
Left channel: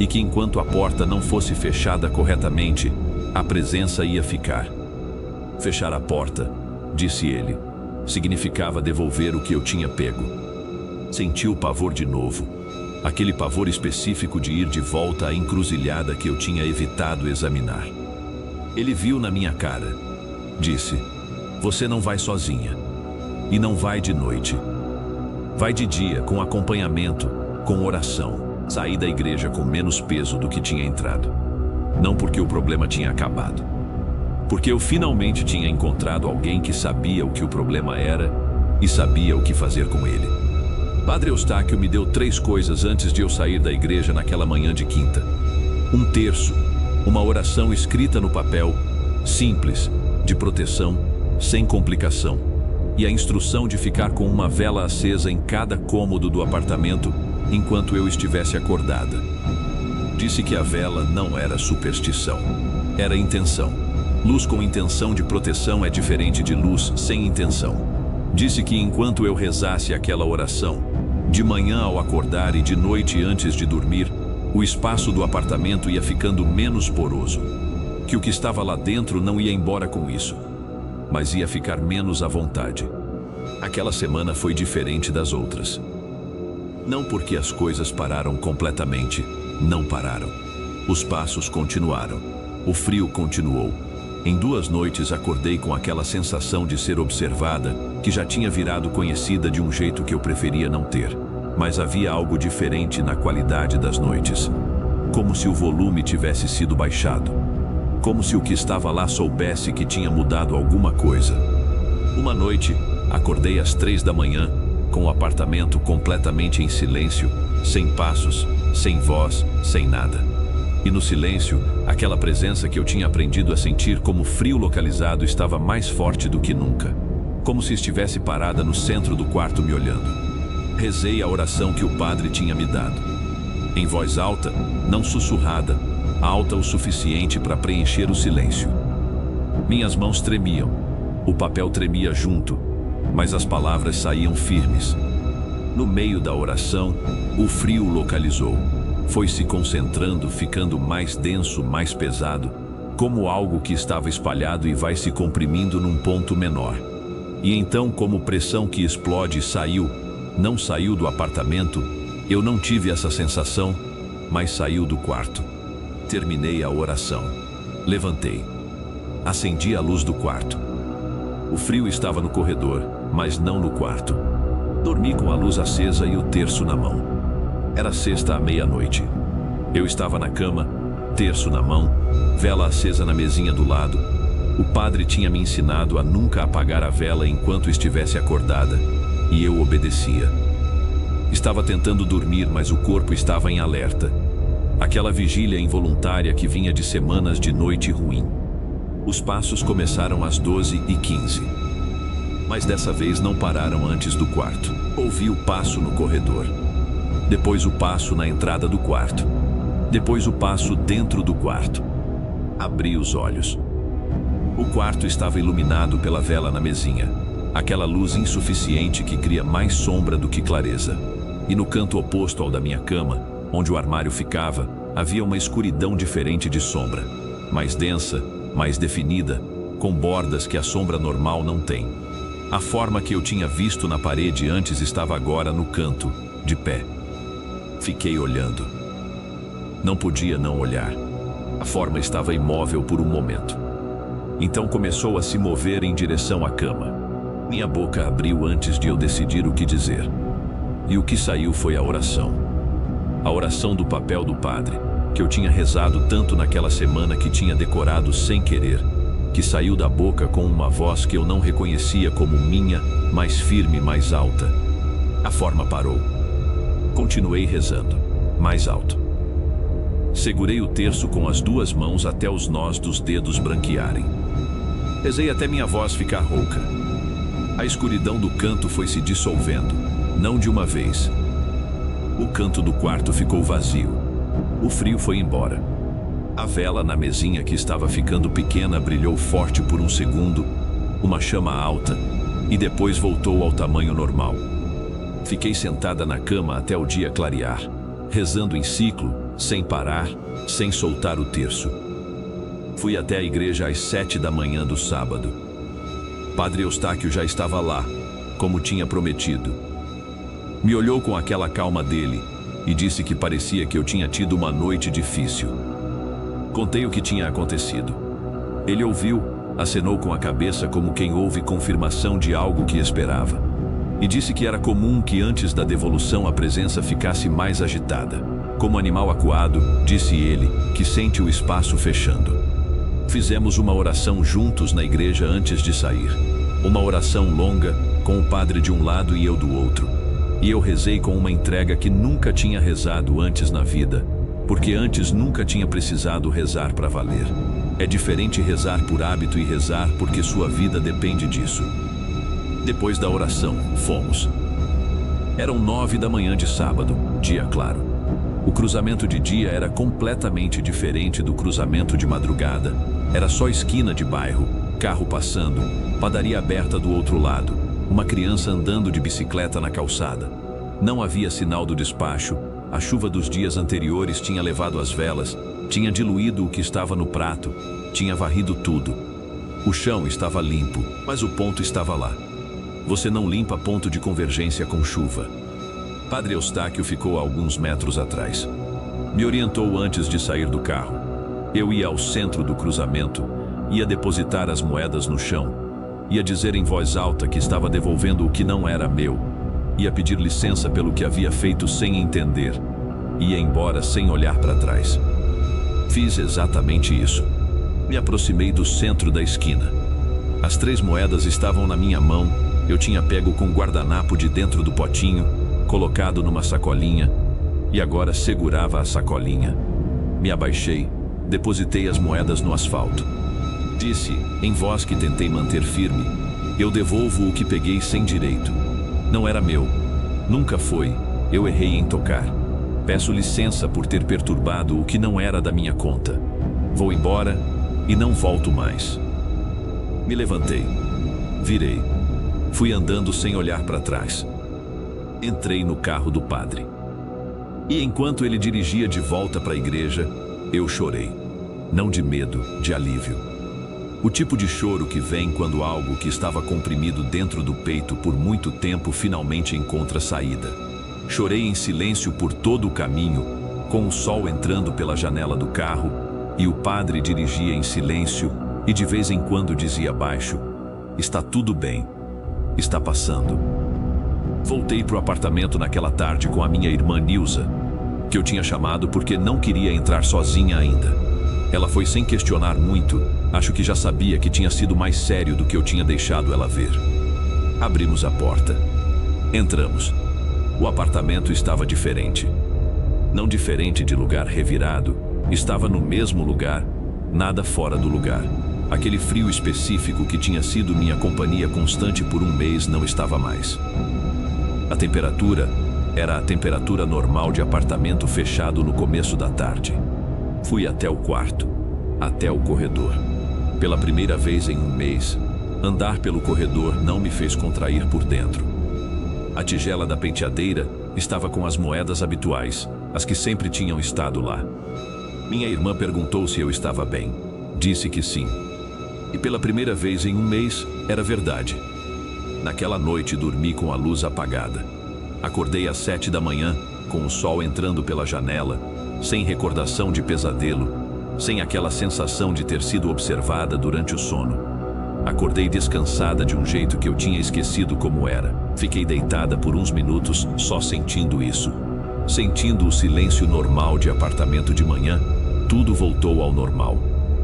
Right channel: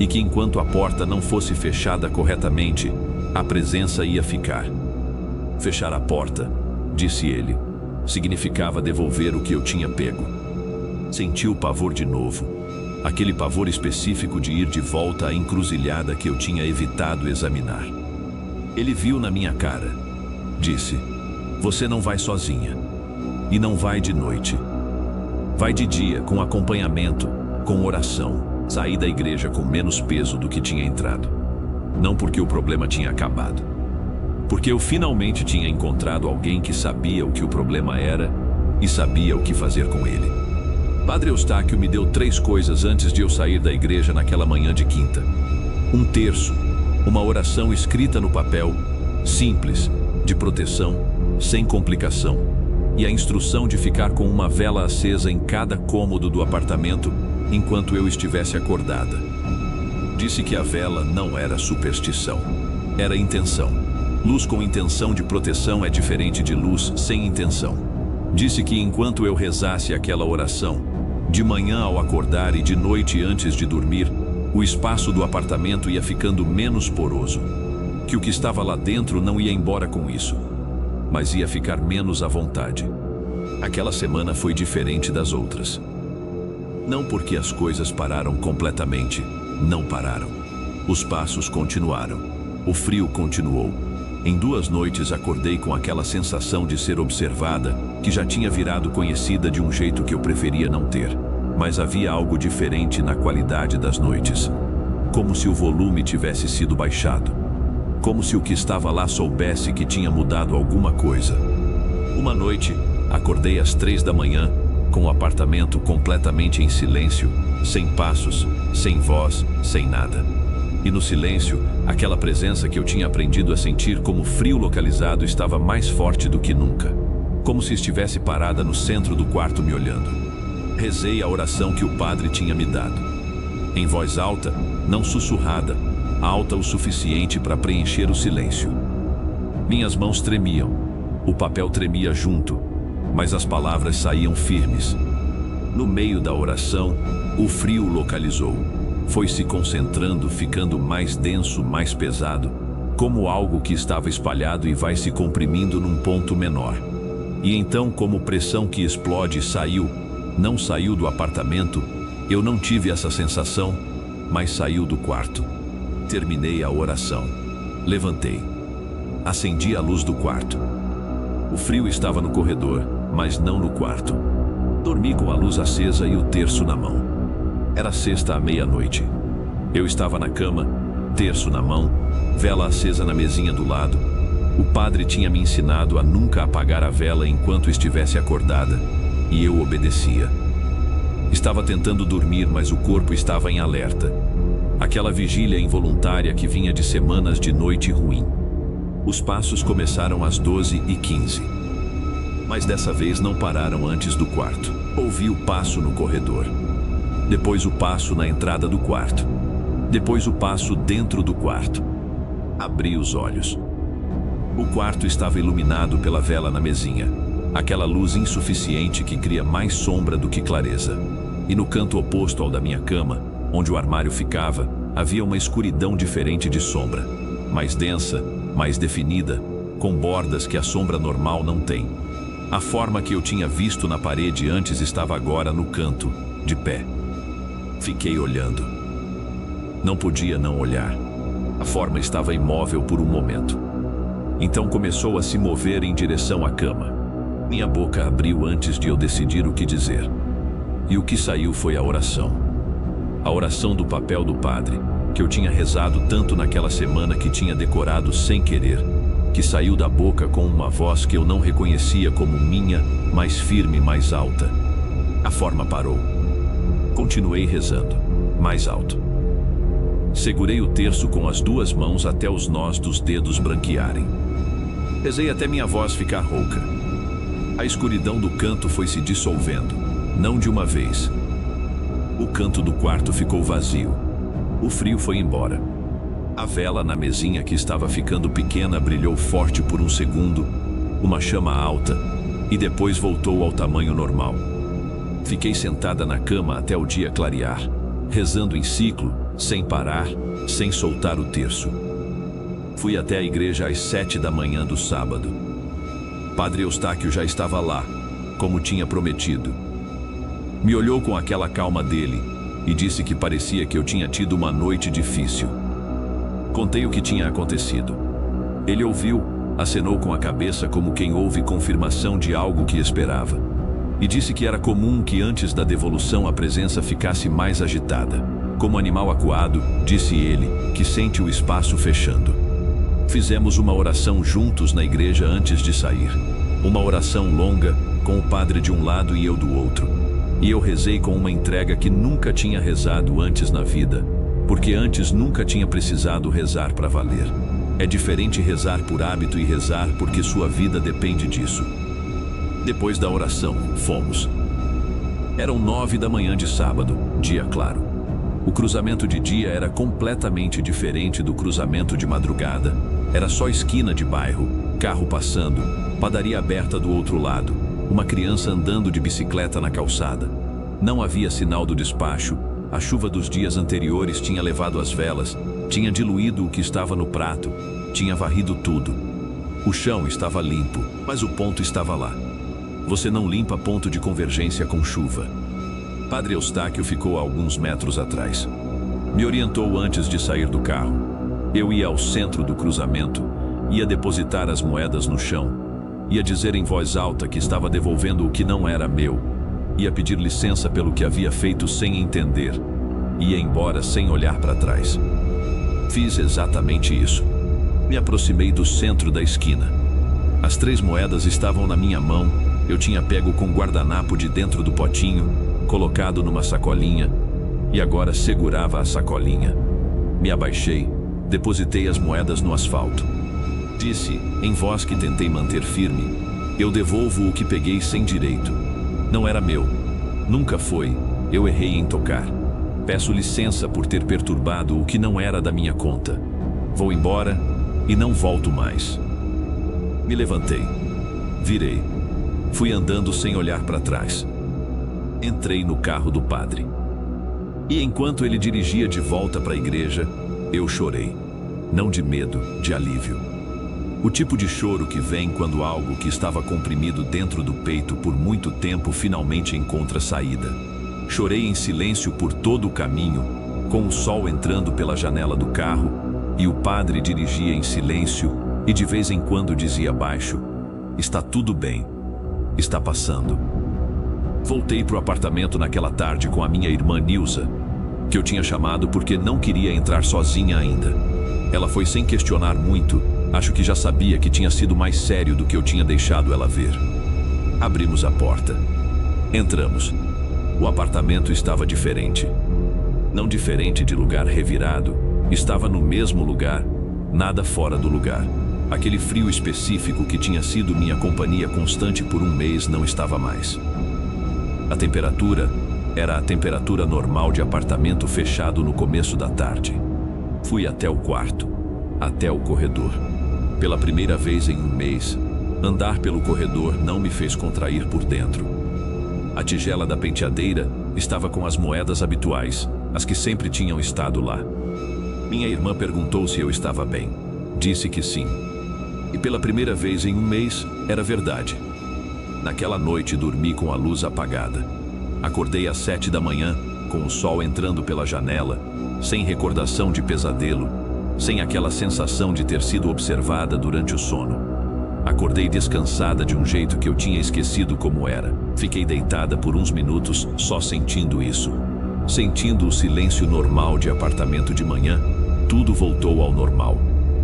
E que enquanto a porta não fosse fechada corretamente, a presença ia ficar. Fechar a porta, disse ele, significava devolver o que eu tinha pego. Senti o pavor de novo. Aquele pavor específico de ir de volta à encruzilhada que eu tinha evitado examinar. Ele viu na minha cara. Disse: "Você não vai sozinha. E não vai de noite. Vai de dia, com acompanhamento, com oração." Saí da igreja com menos peso do que tinha entrado. Não porque o problema tinha acabado. Porque eu finalmente tinha encontrado alguém que sabia o que o problema era e sabia o que fazer com ele. Padre Eustáquio me deu 3 coisas antes de eu sair da igreja naquela manhã de quinta. Um terço, uma oração escrita no papel, simples, de proteção, sem complicação, e a instrução de ficar com uma vela acesa em cada cômodo do apartamento enquanto eu estivesse acordada. Disse que a vela não era superstição, era intenção. Luz com intenção de proteção é diferente de luz sem intenção. Disse que enquanto eu rezasse aquela oração, de manhã ao acordar e de noite antes de dormir, o espaço do apartamento ia ficando menos poroso. Que o que estava lá dentro não ia embora com isso, mas ia ficar menos à vontade. Aquela semana foi diferente das outras. Não porque as coisas pararam completamente, não pararam. Os passos continuaram. O frio continuou. Em 2 noites acordei com aquela sensação de ser observada, que já tinha virado conhecida de um jeito que eu preferia não ter. Mas havia algo diferente na qualidade das noites. Como se o volume tivesse sido baixado. Como se o que estava lá soubesse que tinha mudado alguma coisa. Uma noite, acordei às 3 da manhã, com o apartamento completamente em silêncio, sem passos, sem voz, sem nada. E no silêncio, aquela presença que eu tinha aprendido a sentir como frio localizado estava mais forte do que nunca. Como se estivesse parada no centro do quarto me olhando. Rezei a oração que o padre tinha me dado. Em voz alta, não sussurrada, alta o suficiente para preencher o silêncio. Minhas mãos tremiam, o papel tremia junto, mas as palavras saíam firmes. No meio da oração, o frio localizou. Foi se concentrando, ficando mais denso, mais pesado, como algo que estava espalhado e vai se comprimindo num ponto menor. E então, como pressão que explode, saiu. Não saiu do apartamento, eu não tive essa sensação, mas saiu do quarto. Terminei a oração. Levantei. Acendi a luz do quarto. O frio estava no corredor, mas não no quarto. Dormi com a luz acesa e o terço na mão. Era sexta à meia-noite. Eu estava na cama, terço na mão, vela acesa na mesinha do lado. O padre tinha me ensinado a nunca apagar a vela enquanto estivesse acordada, e eu obedecia. Estava tentando dormir, mas o corpo estava em alerta. Aquela vigília involuntária que vinha de semanas de noite ruim. Os passos começaram às 12h15. Mas dessa vez não pararam antes do quarto. Ouvi o passo no corredor. Depois o passo na entrada do quarto. Depois o passo dentro do quarto. Abri os olhos. O quarto estava iluminado pela vela na mesinha. Aquela luz insuficiente que cria mais sombra do que clareza. E no canto oposto ao da minha cama, onde o armário ficava, havia uma escuridão diferente de sombra. Mais densa, mais definida, com bordas que a sombra normal não tem. A forma que eu tinha visto na parede antes estava agora no canto, de pé. Fiquei olhando. Não podia não olhar. A forma estava imóvel por um momento. Então começou a se mover em direção à cama. Minha boca abriu antes de eu decidir o que dizer. E o que saiu foi a oração. A oração do papel do padre, que eu tinha rezado tanto naquela semana que tinha decorado sem querer, que saiu da boca com uma voz que eu não reconhecia como minha, mais firme, mais alta. A forma parou. Continuei rezando, mais alto. Segurei o terço com as 2 mãos até os nós dos dedos branquearem. Rezei até minha voz ficar rouca. A escuridão do canto foi se dissolvendo, não de uma vez. O canto do quarto ficou vazio. O frio foi embora. A vela na mesinha que estava ficando pequena brilhou forte por um segundo, uma chama alta, e depois voltou ao tamanho normal. Fiquei sentada na cama até o dia clarear, rezando em ciclo, sem parar, sem soltar o terço. Fui até a igreja às 7 da manhã do sábado. Padre Eustáquio já estava lá, como tinha prometido. Me olhou com aquela calma dele e disse que parecia que eu tinha tido uma noite difícil. Contei o que tinha acontecido. Ele ouviu, acenou com a cabeça como quem ouve confirmação de algo que esperava, e disse que era comum que antes da devolução a presença ficasse mais agitada. Como animal acuado, disse ele, que sente o espaço fechando. Fizemos uma oração juntos na igreja antes de sair. Uma oração longa, com o padre de um lado e eu do outro. E eu rezei com uma entrega que nunca tinha rezado antes na vida, porque antes nunca tinha precisado rezar para valer. É diferente rezar por hábito e rezar porque sua vida depende disso. Depois da oração, fomos. Eram 9 da manhã de sábado, dia claro. O cruzamento de dia era completamente diferente do cruzamento de madrugada. Era só esquina de bairro, carro passando, padaria aberta do outro lado, uma criança andando de bicicleta na calçada. Não havia sinal do despacho, a chuva dos dias anteriores tinha levado as velas, tinha diluído o que estava no prato, tinha varrido tudo. O chão estava limpo, mas o ponto estava lá. Você não limpa ponto de convergência com chuva. Padre Eustáquio ficou a alguns metros atrás. Me orientou antes de sair do carro. Eu ia ao centro do cruzamento, ia depositar as moedas no chão, ia dizer em voz alta que estava devolvendo o que não era meu, ia pedir licença pelo que havia feito sem entender, ia embora sem olhar para trás. Fiz exatamente isso. Me aproximei do centro da esquina. As 3 moedas estavam na minha mão, eu tinha pego com guardanapo de dentro do potinho, colocado numa sacolinha, e agora segurava a sacolinha. Me abaixei, depositei as moedas no asfalto. Disse, em voz que tentei manter firme, eu devolvo o que peguei sem direito. Não era meu. Nunca foi. Eu errei em tocar. Peço licença por ter perturbado o que não era da minha conta. Vou embora e não volto mais. Me levantei. Virei. Fui andando sem olhar para trás. Entrei no carro do padre. E enquanto ele dirigia de volta para a igreja, eu chorei. Não de medo, de alívio. O tipo de choro que vem quando algo que estava comprimido dentro do peito por muito tempo finalmente encontra saída. Chorei em silêncio por todo o caminho, com o sol entrando pela janela do carro, e o padre dirigia em silêncio e de vez em quando dizia baixo: "Está tudo bem. Está passando." Voltei para o apartamento naquela tarde com a minha irmã Nilza, que eu tinha chamado porque não queria entrar sozinha ainda. Ela foi sem questionar muito, acho que já sabia que tinha sido mais sério do que eu tinha deixado ela ver. Abrimos a porta. Entramos. O apartamento estava diferente. Não diferente de lugar revirado, estava no mesmo lugar, nada fora do lugar. Aquele frio específico que tinha sido minha companhia constante por um mês não estava mais. A temperatura era a temperatura normal de apartamento fechado no começo da tarde. Fui até o quarto, até o corredor. Pela primeira vez em um mês, andar pelo corredor não me fez contrair por dentro. A tigela da penteadeira estava com as moedas habituais, as que sempre tinham estado lá. Minha irmã perguntou se eu estava bem. Disse que sim. E pela primeira vez em um mês, era verdade. Naquela noite dormi com a luz apagada. Acordei às 7 da manhã, com o sol entrando pela janela, sem recordação de pesadelo, sem aquela sensação de ter sido observada durante o sono. Acordei descansada de um jeito que eu tinha esquecido como era. Fiquei deitada por uns minutos só sentindo isso. Sentindo o silêncio normal de apartamento de manhã, tudo voltou ao normal.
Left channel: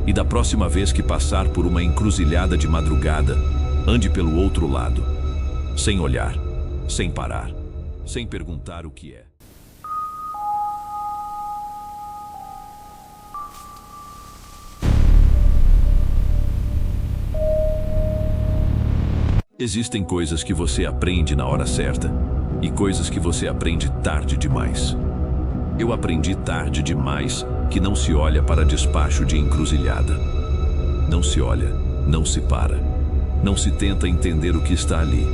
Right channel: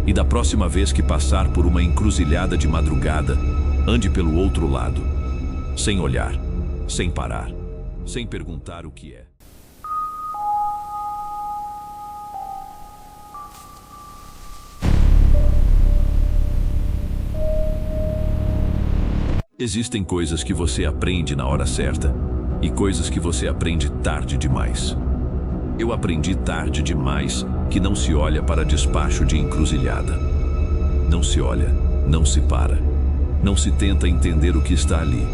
E da próxima vez que passar por uma encruzilhada de madrugada, ande pelo outro lado. Sem olhar, sem parar, sem perguntar o que é. Existem coisas que você aprende na hora certa e coisas que você aprende tarde demais. Eu aprendi tarde demais que não se olha para despacho de encruzilhada. Não se olha, não se para. Não se tenta entender o que está ali.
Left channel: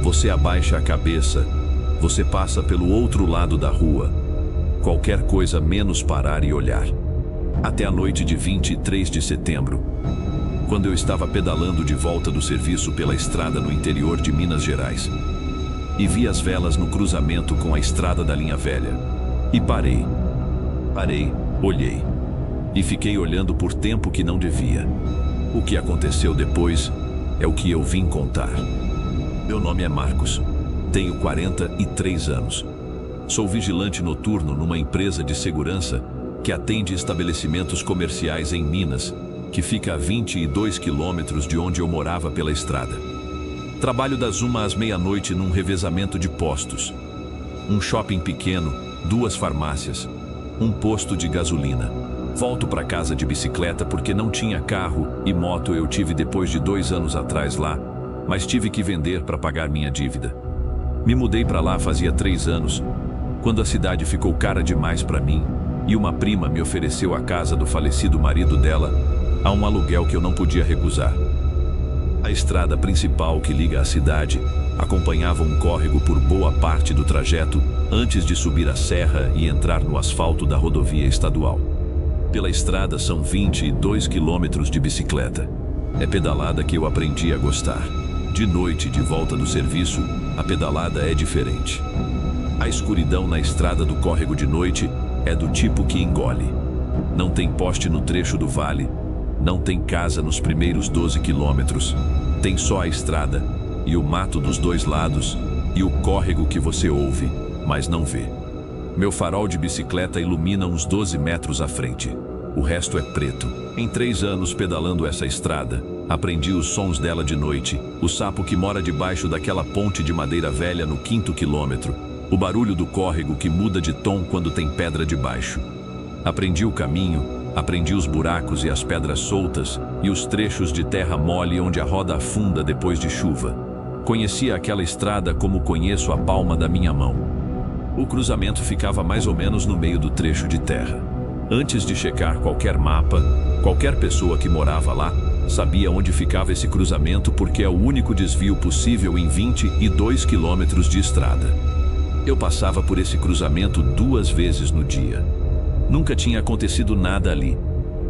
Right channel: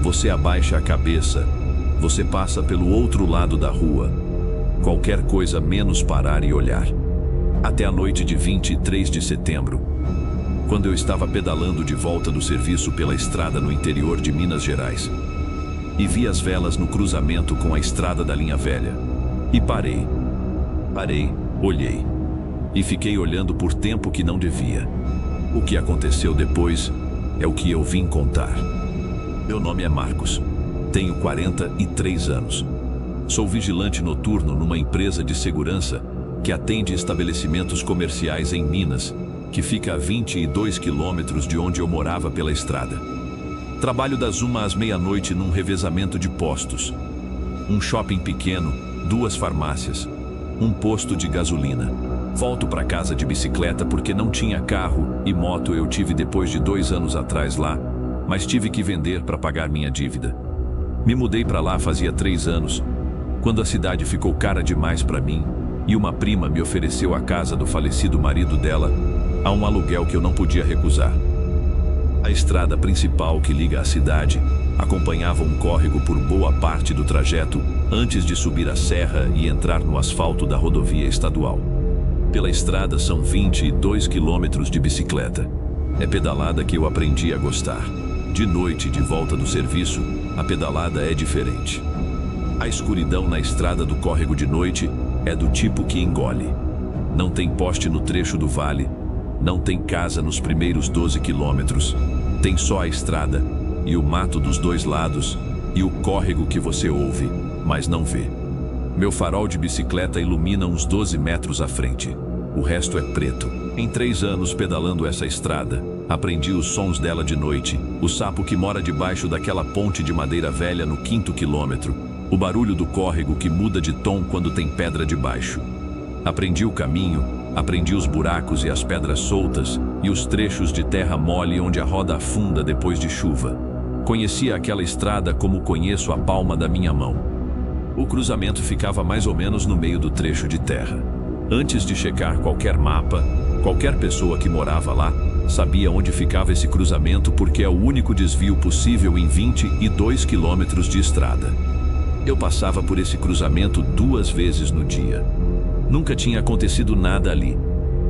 Você abaixa a cabeça Você passa pelo outro lado da rua. Qualquer coisa menos parar e olhar. Até a noite de 23 de setembro, quando eu estava pedalando de volta do serviço pela estrada no interior de Minas Gerais, e vi as velas no cruzamento com a estrada da linha velha. E parei. Olhei. E fiquei olhando por tempo que não devia. O que aconteceu depois é o que eu vim contar. Meu nome é Marcos. Tenho 43 anos. Sou vigilante noturno numa empresa de segurança que atende estabelecimentos comerciais em Minas, que fica a 22 quilômetros de onde eu morava pela estrada. Trabalho das 1 às meia-noite num revezamento de postos. Um shopping pequeno, 2 farmácias, um posto de gasolina. Volto para casa de bicicleta porque não tinha carro e moto eu tive depois de 2 anos atrás lá, mas tive que vender para pagar minha dívida. Me mudei para lá fazia 3 anos, quando a cidade ficou cara demais para mim e uma prima me ofereceu a casa do falecido marido dela a um aluguel que eu não podia recusar. A estrada principal que liga a cidade acompanhava um córrego por boa parte do trajeto antes de subir a serra e entrar no asfalto da rodovia estadual. Pela estrada são 22 quilômetros de bicicleta. É pedalada que eu aprendi a gostar. De noite, de volta do serviço, a pedalada é diferente. A escuridão na estrada do córrego de noite é do tipo que engole. Não tem poste no trecho do vale, não tem casa nos primeiros 12 quilômetros. Tem só a estrada e o mato dos 2 lados e o córrego que você ouve, mas não vê. Meu farol de bicicleta ilumina uns 12 metros à frente. O resto é preto. Em 3 anos pedalando essa estrada, aprendi os sons dela de noite, o sapo que mora debaixo daquela ponte de madeira velha no 5º quilômetro, o barulho do córrego que muda de tom quando tem pedra debaixo. Aprendi o caminho, aprendi os buracos e as pedras soltas e os trechos de terra mole onde a roda afunda depois de chuva. Conhecia aquela estrada como conheço a palma da minha mão. O cruzamento ficava mais ou menos no meio do trecho de terra. Antes de checar qualquer mapa, qualquer pessoa que morava lá sabia onde ficava esse cruzamento porque é o único desvio possível em 22 quilômetros de estrada. Eu passava por esse cruzamento 2 vezes no dia. Nunca tinha acontecido nada ali,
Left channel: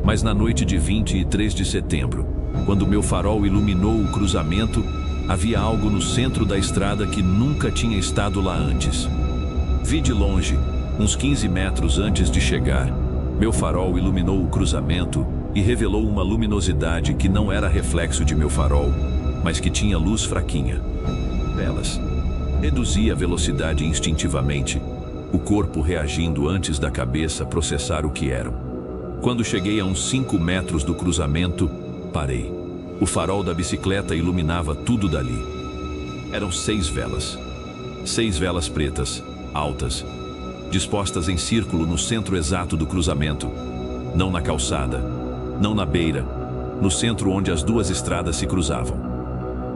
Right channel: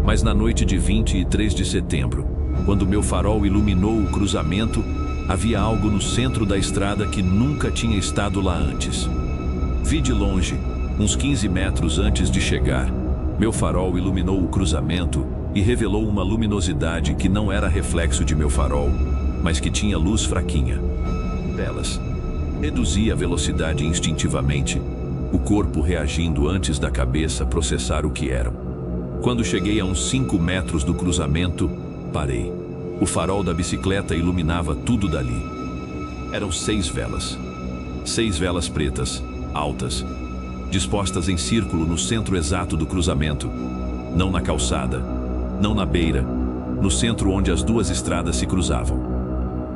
mas na noite de 23 de setembro, quando meu farol iluminou o cruzamento, havia algo no centro da estrada que nunca tinha estado lá antes. Vi de longe, uns 15 metros antes de chegar, meu farol iluminou o cruzamento e revelou uma luminosidade que não era reflexo de meu farol, mas que tinha luz fraquinha. Velas. Reduzi a velocidade instintivamente, o corpo reagindo antes da cabeça processar o que eram. Quando cheguei a uns 5 metros do cruzamento, parei. O farol da bicicleta iluminava tudo dali. Eram 6 velas. 6 velas pretas, altas, dispostas em círculo no centro exato do cruzamento. Não na calçada, não na beira, no centro onde as 2 estradas se cruzavam.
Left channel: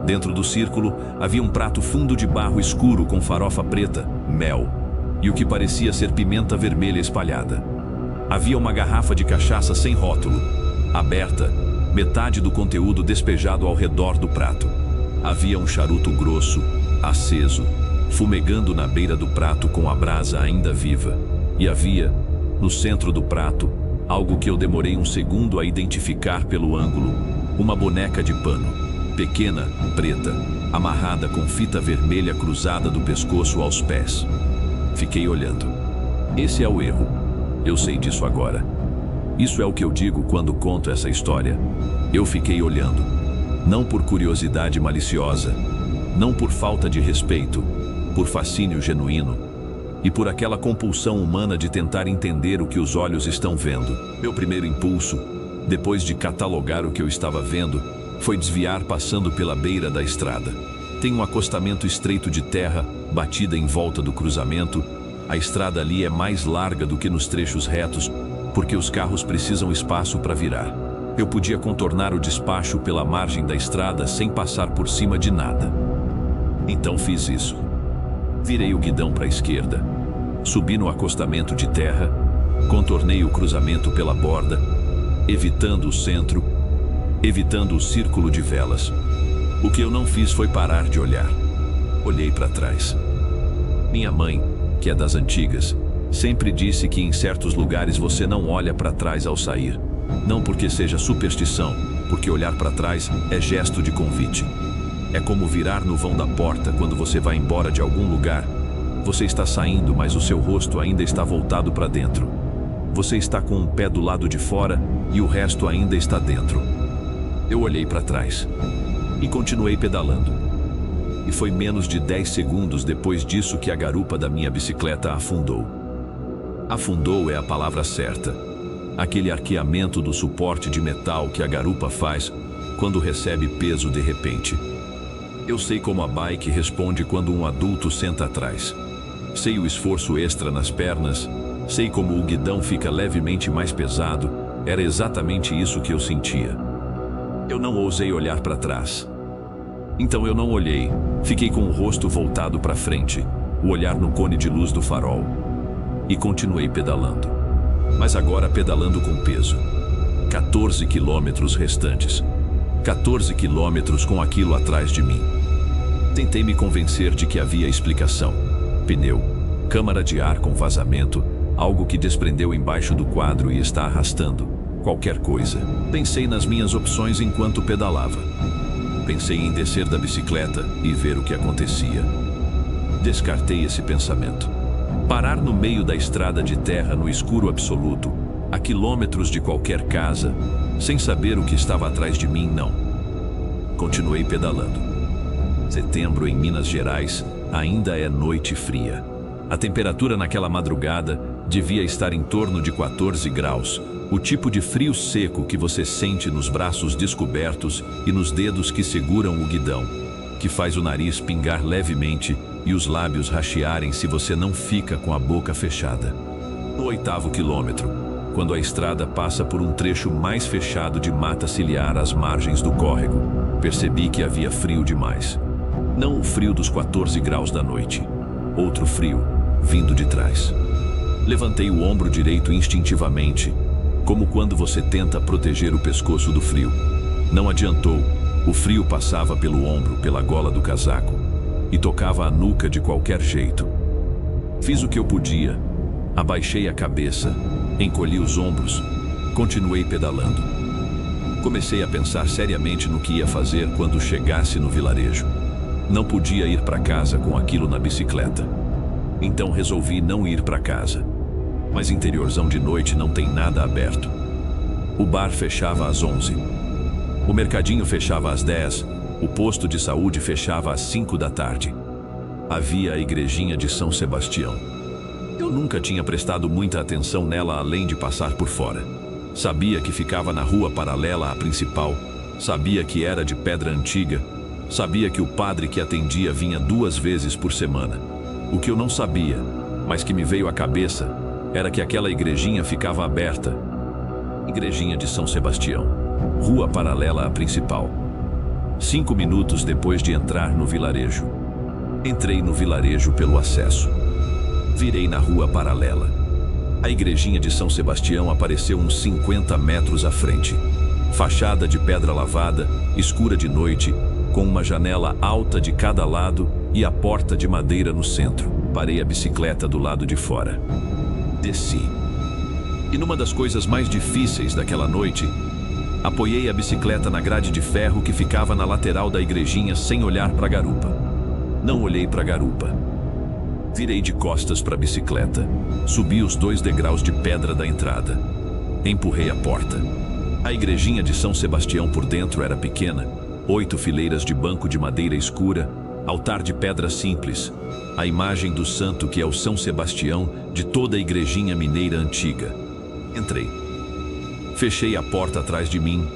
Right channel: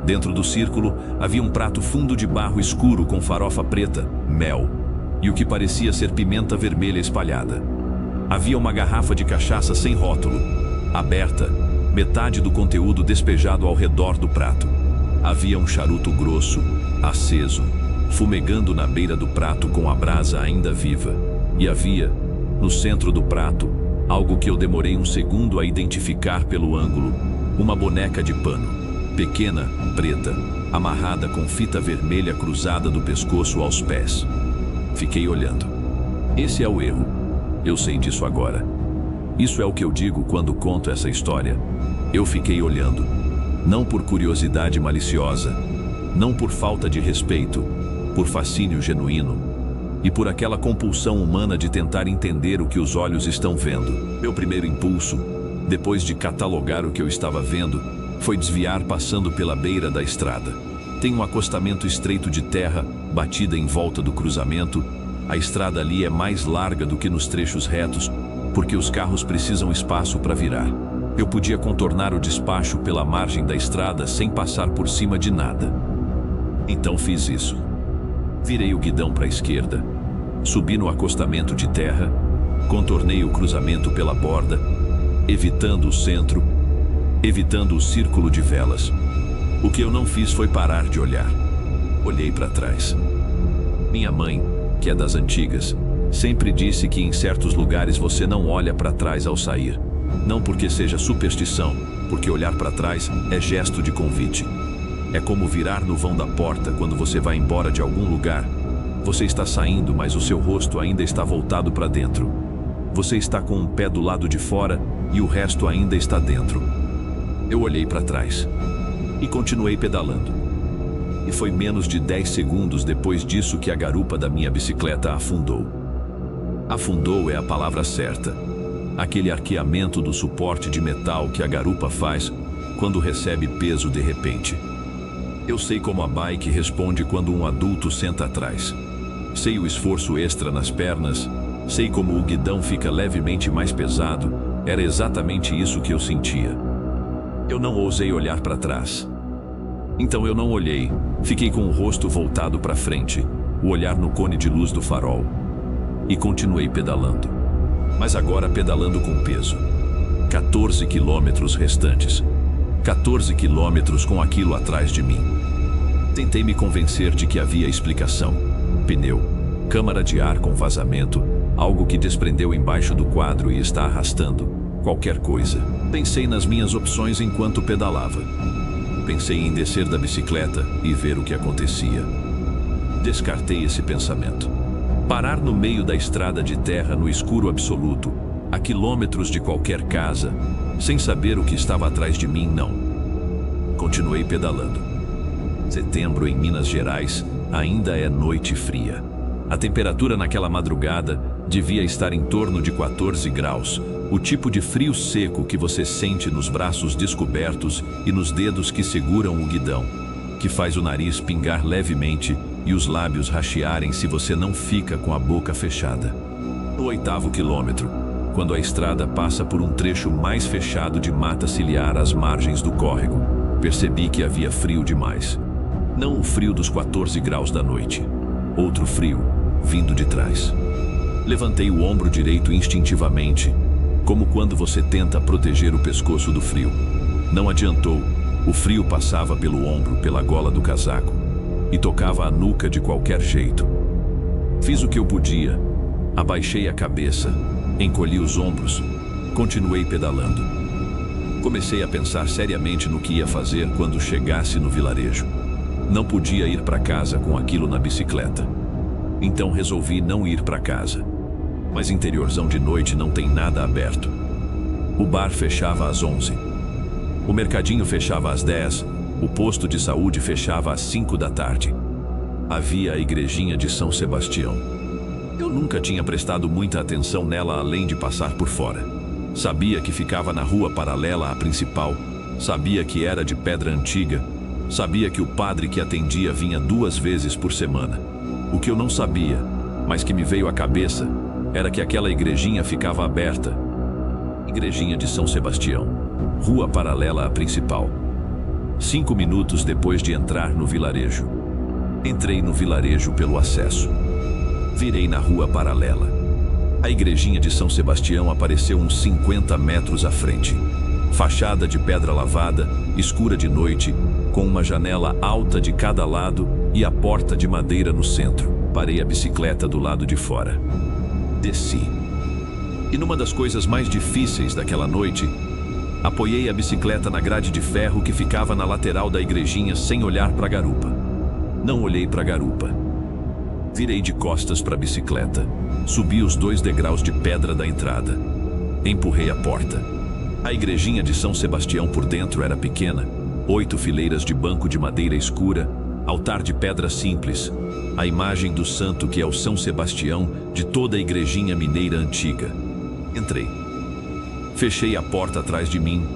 Dentro do círculo havia um prato fundo de barro escuro com farofa preta, mel, e o que parecia ser pimenta vermelha espalhada. Havia uma garrafa de cachaça sem rótulo, aberta, metade do conteúdo despejado ao redor do prato. Havia um charuto grosso, aceso, fumegando na beira do prato com a brasa ainda viva. E havia, no centro do prato, algo que eu demorei um segundo a identificar pelo ângulo, uma boneca de pano, pequena, preta, amarrada com fita vermelha cruzada do pescoço aos pés. Fiquei olhando. Esse é o erro. Eu sei disso agora. Isso é o que eu digo quando conto essa história. Eu fiquei olhando. Não por curiosidade maliciosa, não por falta de respeito, por fascínio genuíno e por aquela compulsão humana de tentar entender o que os olhos estão vendo. Meu primeiro impulso, depois de catalogar o que eu estava vendo, foi desviar passando pela beira da estrada. Tem um acostamento estreito de terra, batida em volta do cruzamento. A estrada ali é mais larga do que nos trechos retos, porque os carros precisam espaço para virar. Eu podia contornar o despacho pela margem da estrada sem passar por cima de nada. Então fiz isso. Virei o guidão para a esquerda, subi no acostamento de terra, contornei o cruzamento pela borda, evitando o centro, evitando o círculo de velas. O que eu não fiz foi parar de olhar. Olhei para trás. Minha mãe, que é das antigas, sempre disse que em certos lugares você não olha para trás ao sair. Não porque seja superstição, porque olhar para trás é gesto de convite. É como virar no vão da porta quando você vai embora de algum lugar. Você está saindo, mas o seu rosto ainda está voltado para dentro. Você está com um pé do lado de fora e o resto ainda está dentro. Eu olhei para trás e continuei pedalando. E foi menos de 10 segundos depois disso que a garupa da minha bicicleta afundou. Afundou é a palavra certa. Aquele arqueamento do suporte de metal que a garupa faz quando recebe peso de repente. Eu sei como a bike responde quando um adulto senta atrás. Sei o esforço extra nas pernas. Sei como o guidão fica levemente mais pesado. Era exatamente isso que eu sentia. Eu não ousei olhar para trás. Então eu não olhei. Fiquei com o rosto voltado para frente, o olhar no cone de luz do farol. E continuei pedalando. Mas agora pedalando com peso. 14 quilômetros restantes. 14 quilômetros com aquilo atrás de mim. Tentei me convencer de que havia explicação. Pneu, câmara de ar com vazamento, algo que desprendeu embaixo do quadro e está arrastando. Qualquer coisa. Pensei nas minhas opções enquanto pedalava. Pensei em descer da bicicleta e ver o que acontecia. Descartei esse pensamento. Parar no meio da estrada de terra no escuro absoluto, a quilômetros de qualquer casa, sem saber o que estava atrás de mim, não. Continuei pedalando. Setembro em Minas Gerais ainda é noite fria. A temperatura naquela madrugada devia estar em torno de 14 graus, o tipo de frio seco que você sente nos braços descobertos e nos dedos que seguram o guidão, que faz o nariz pingar levemente e os lábios rachearem se você não fica com a boca fechada. No 8º quilômetro, quando a estrada passa por um trecho mais fechado de mata ciliar às margens do córrego, percebi que havia frio demais. Não o frio dos 14 graus da noite. Outro frio, vindo de trás. Levantei o ombro direito instintivamente, como quando você tenta proteger o pescoço do frio. Não adiantou. O frio passava pelo ombro, pela gola do casaco, e tocava a nuca de qualquer jeito. Fiz o que eu podia. Abaixei a cabeça, encolhi os ombros, continuei pedalando. Comecei a pensar seriamente no que ia fazer quando chegasse no vilarejo. Não podia ir para casa com aquilo na bicicleta. Então resolvi não ir para casa. Mas interiorzão de noite não tem nada aberto. O bar fechava às 11. O mercadinho fechava às 10. O posto de saúde fechava às 5 da tarde. Havia a igrejinha de São Sebastião. Eu nunca tinha prestado muita atenção nela além de passar por fora. Sabia que ficava na rua paralela à principal. Sabia que era de pedra antiga. Sabia que o padre que atendia vinha 2 vezes por semana. O que eu não sabia, mas que me veio à cabeça, era que aquela igrejinha ficava aberta. Igrejinha de São Sebastião, rua paralela à principal. 5 minutos depois de entrar no vilarejo. Entrei no vilarejo pelo acesso. Virei na rua paralela. A igrejinha de São Sebastião apareceu uns 50 metros à frente. Fachada de pedra lavada, escura de noite, com uma janela alta de cada lado e a porta de madeira no centro. Parei a bicicleta do lado de fora. Desci. E numa das coisas mais difíceis daquela noite, apoiei a bicicleta na grade de ferro que ficava na lateral da igrejinha sem olhar para a garupa. Não olhei para a garupa. Virei de costas para a bicicleta. Subi os 2 degraus de pedra da entrada. Empurrei a porta. A igrejinha de São Sebastião por dentro era pequena. 8 fileiras de banco de madeira escura, altar de pedra simples, a imagem do santo que é o São Sebastião de toda a igrejinha mineira antiga. Entrei. Fechei a porta atrás de mim.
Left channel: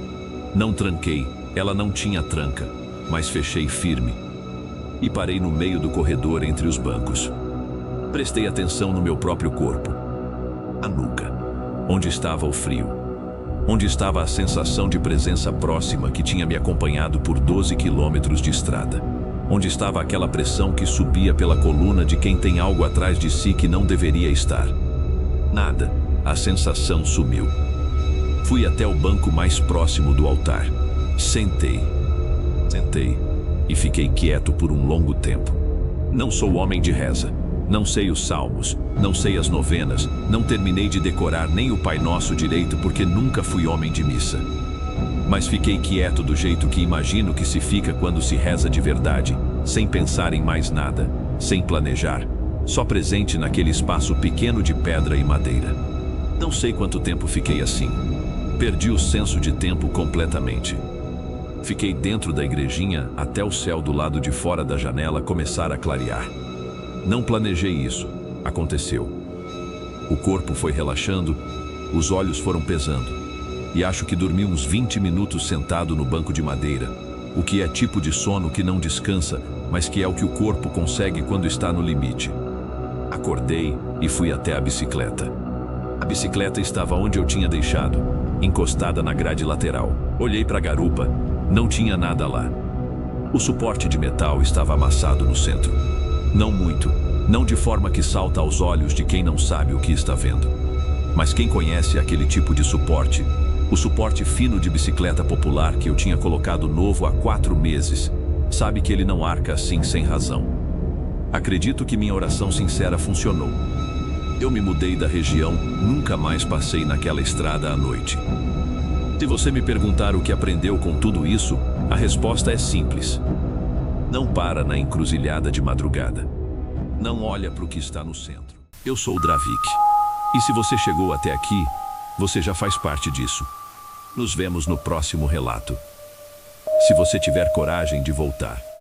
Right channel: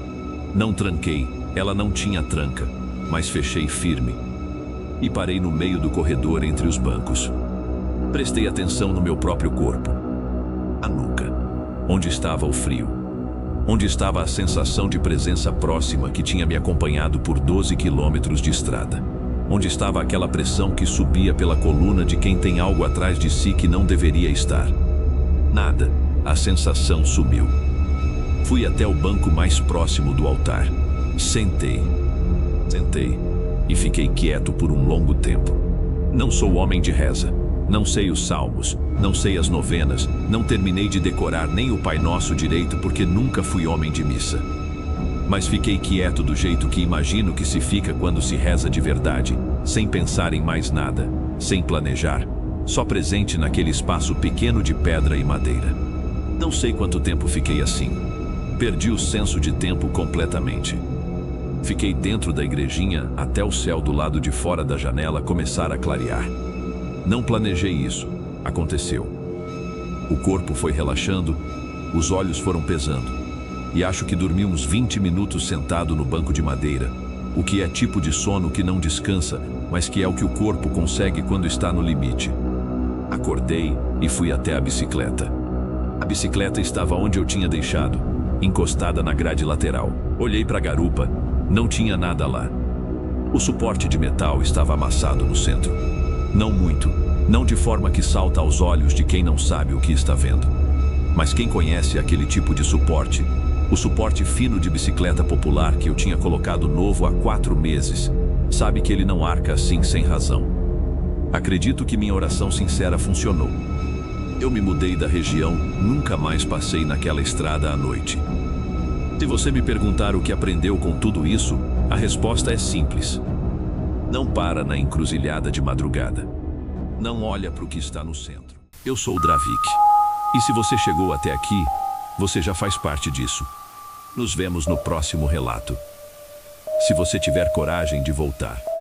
Não tranquei, ela não tinha tranca, mas fechei firme. E parei no meio do corredor entre os bancos. Prestei atenção no meu próprio corpo. A nuca. Onde estava o frio? Onde estava a sensação de presença próxima que tinha me acompanhado por 12 quilômetros de estrada? Onde estava aquela pressão que subia pela coluna de quem tem algo atrás de si que não deveria estar? Nada. A sensação sumiu. Fui até o banco mais próximo do altar. Sentei e fiquei quieto por um longo tempo. Não sou homem de reza. Não sei os salmos, não sei as novenas, não terminei de decorar nem o Pai Nosso direito porque nunca fui homem de missa. Mas fiquei quieto do jeito que imagino que se fica quando se reza de verdade, sem pensar em mais nada, sem planejar, só presente naquele espaço pequeno de pedra e madeira. Não sei quanto tempo fiquei assim. Perdi o senso de tempo completamente. Fiquei dentro da igrejinha até o céu do lado de fora da janela começar a clarear. Não planejei isso. Aconteceu. O corpo foi relaxando, os olhos foram pesando. E acho que dormi uns 20 minutos sentado no banco de madeira, o que é tipo de sono que não descansa, mas que é o que o corpo consegue quando está no limite. Acordei e fui até a bicicleta. A bicicleta estava onde eu tinha deixado, encostada na grade lateral. Olhei para a garupa, não tinha nada lá. O suporte de metal estava amassado no centro. Não muito, não de forma que salta aos olhos de quem não sabe o que está vendo. Mas quem conhece aquele tipo de suporte, o suporte fino de bicicleta popular que eu tinha colocado novo há 4 meses, sabe que ele não arca assim sem razão. Acredito que minha oração sincera funcionou. Eu me mudei da região, nunca mais passei naquela estrada à noite. Se você me perguntar o que aprendeu com tudo isso, a resposta é simples. Não para na encruzilhada de madrugada. Não olha para o que está no centro. Eu sou o Dravik. E se você chegou até aqui, você já faz parte disso. Nos vemos no próximo relato. Se você tiver coragem de voltar.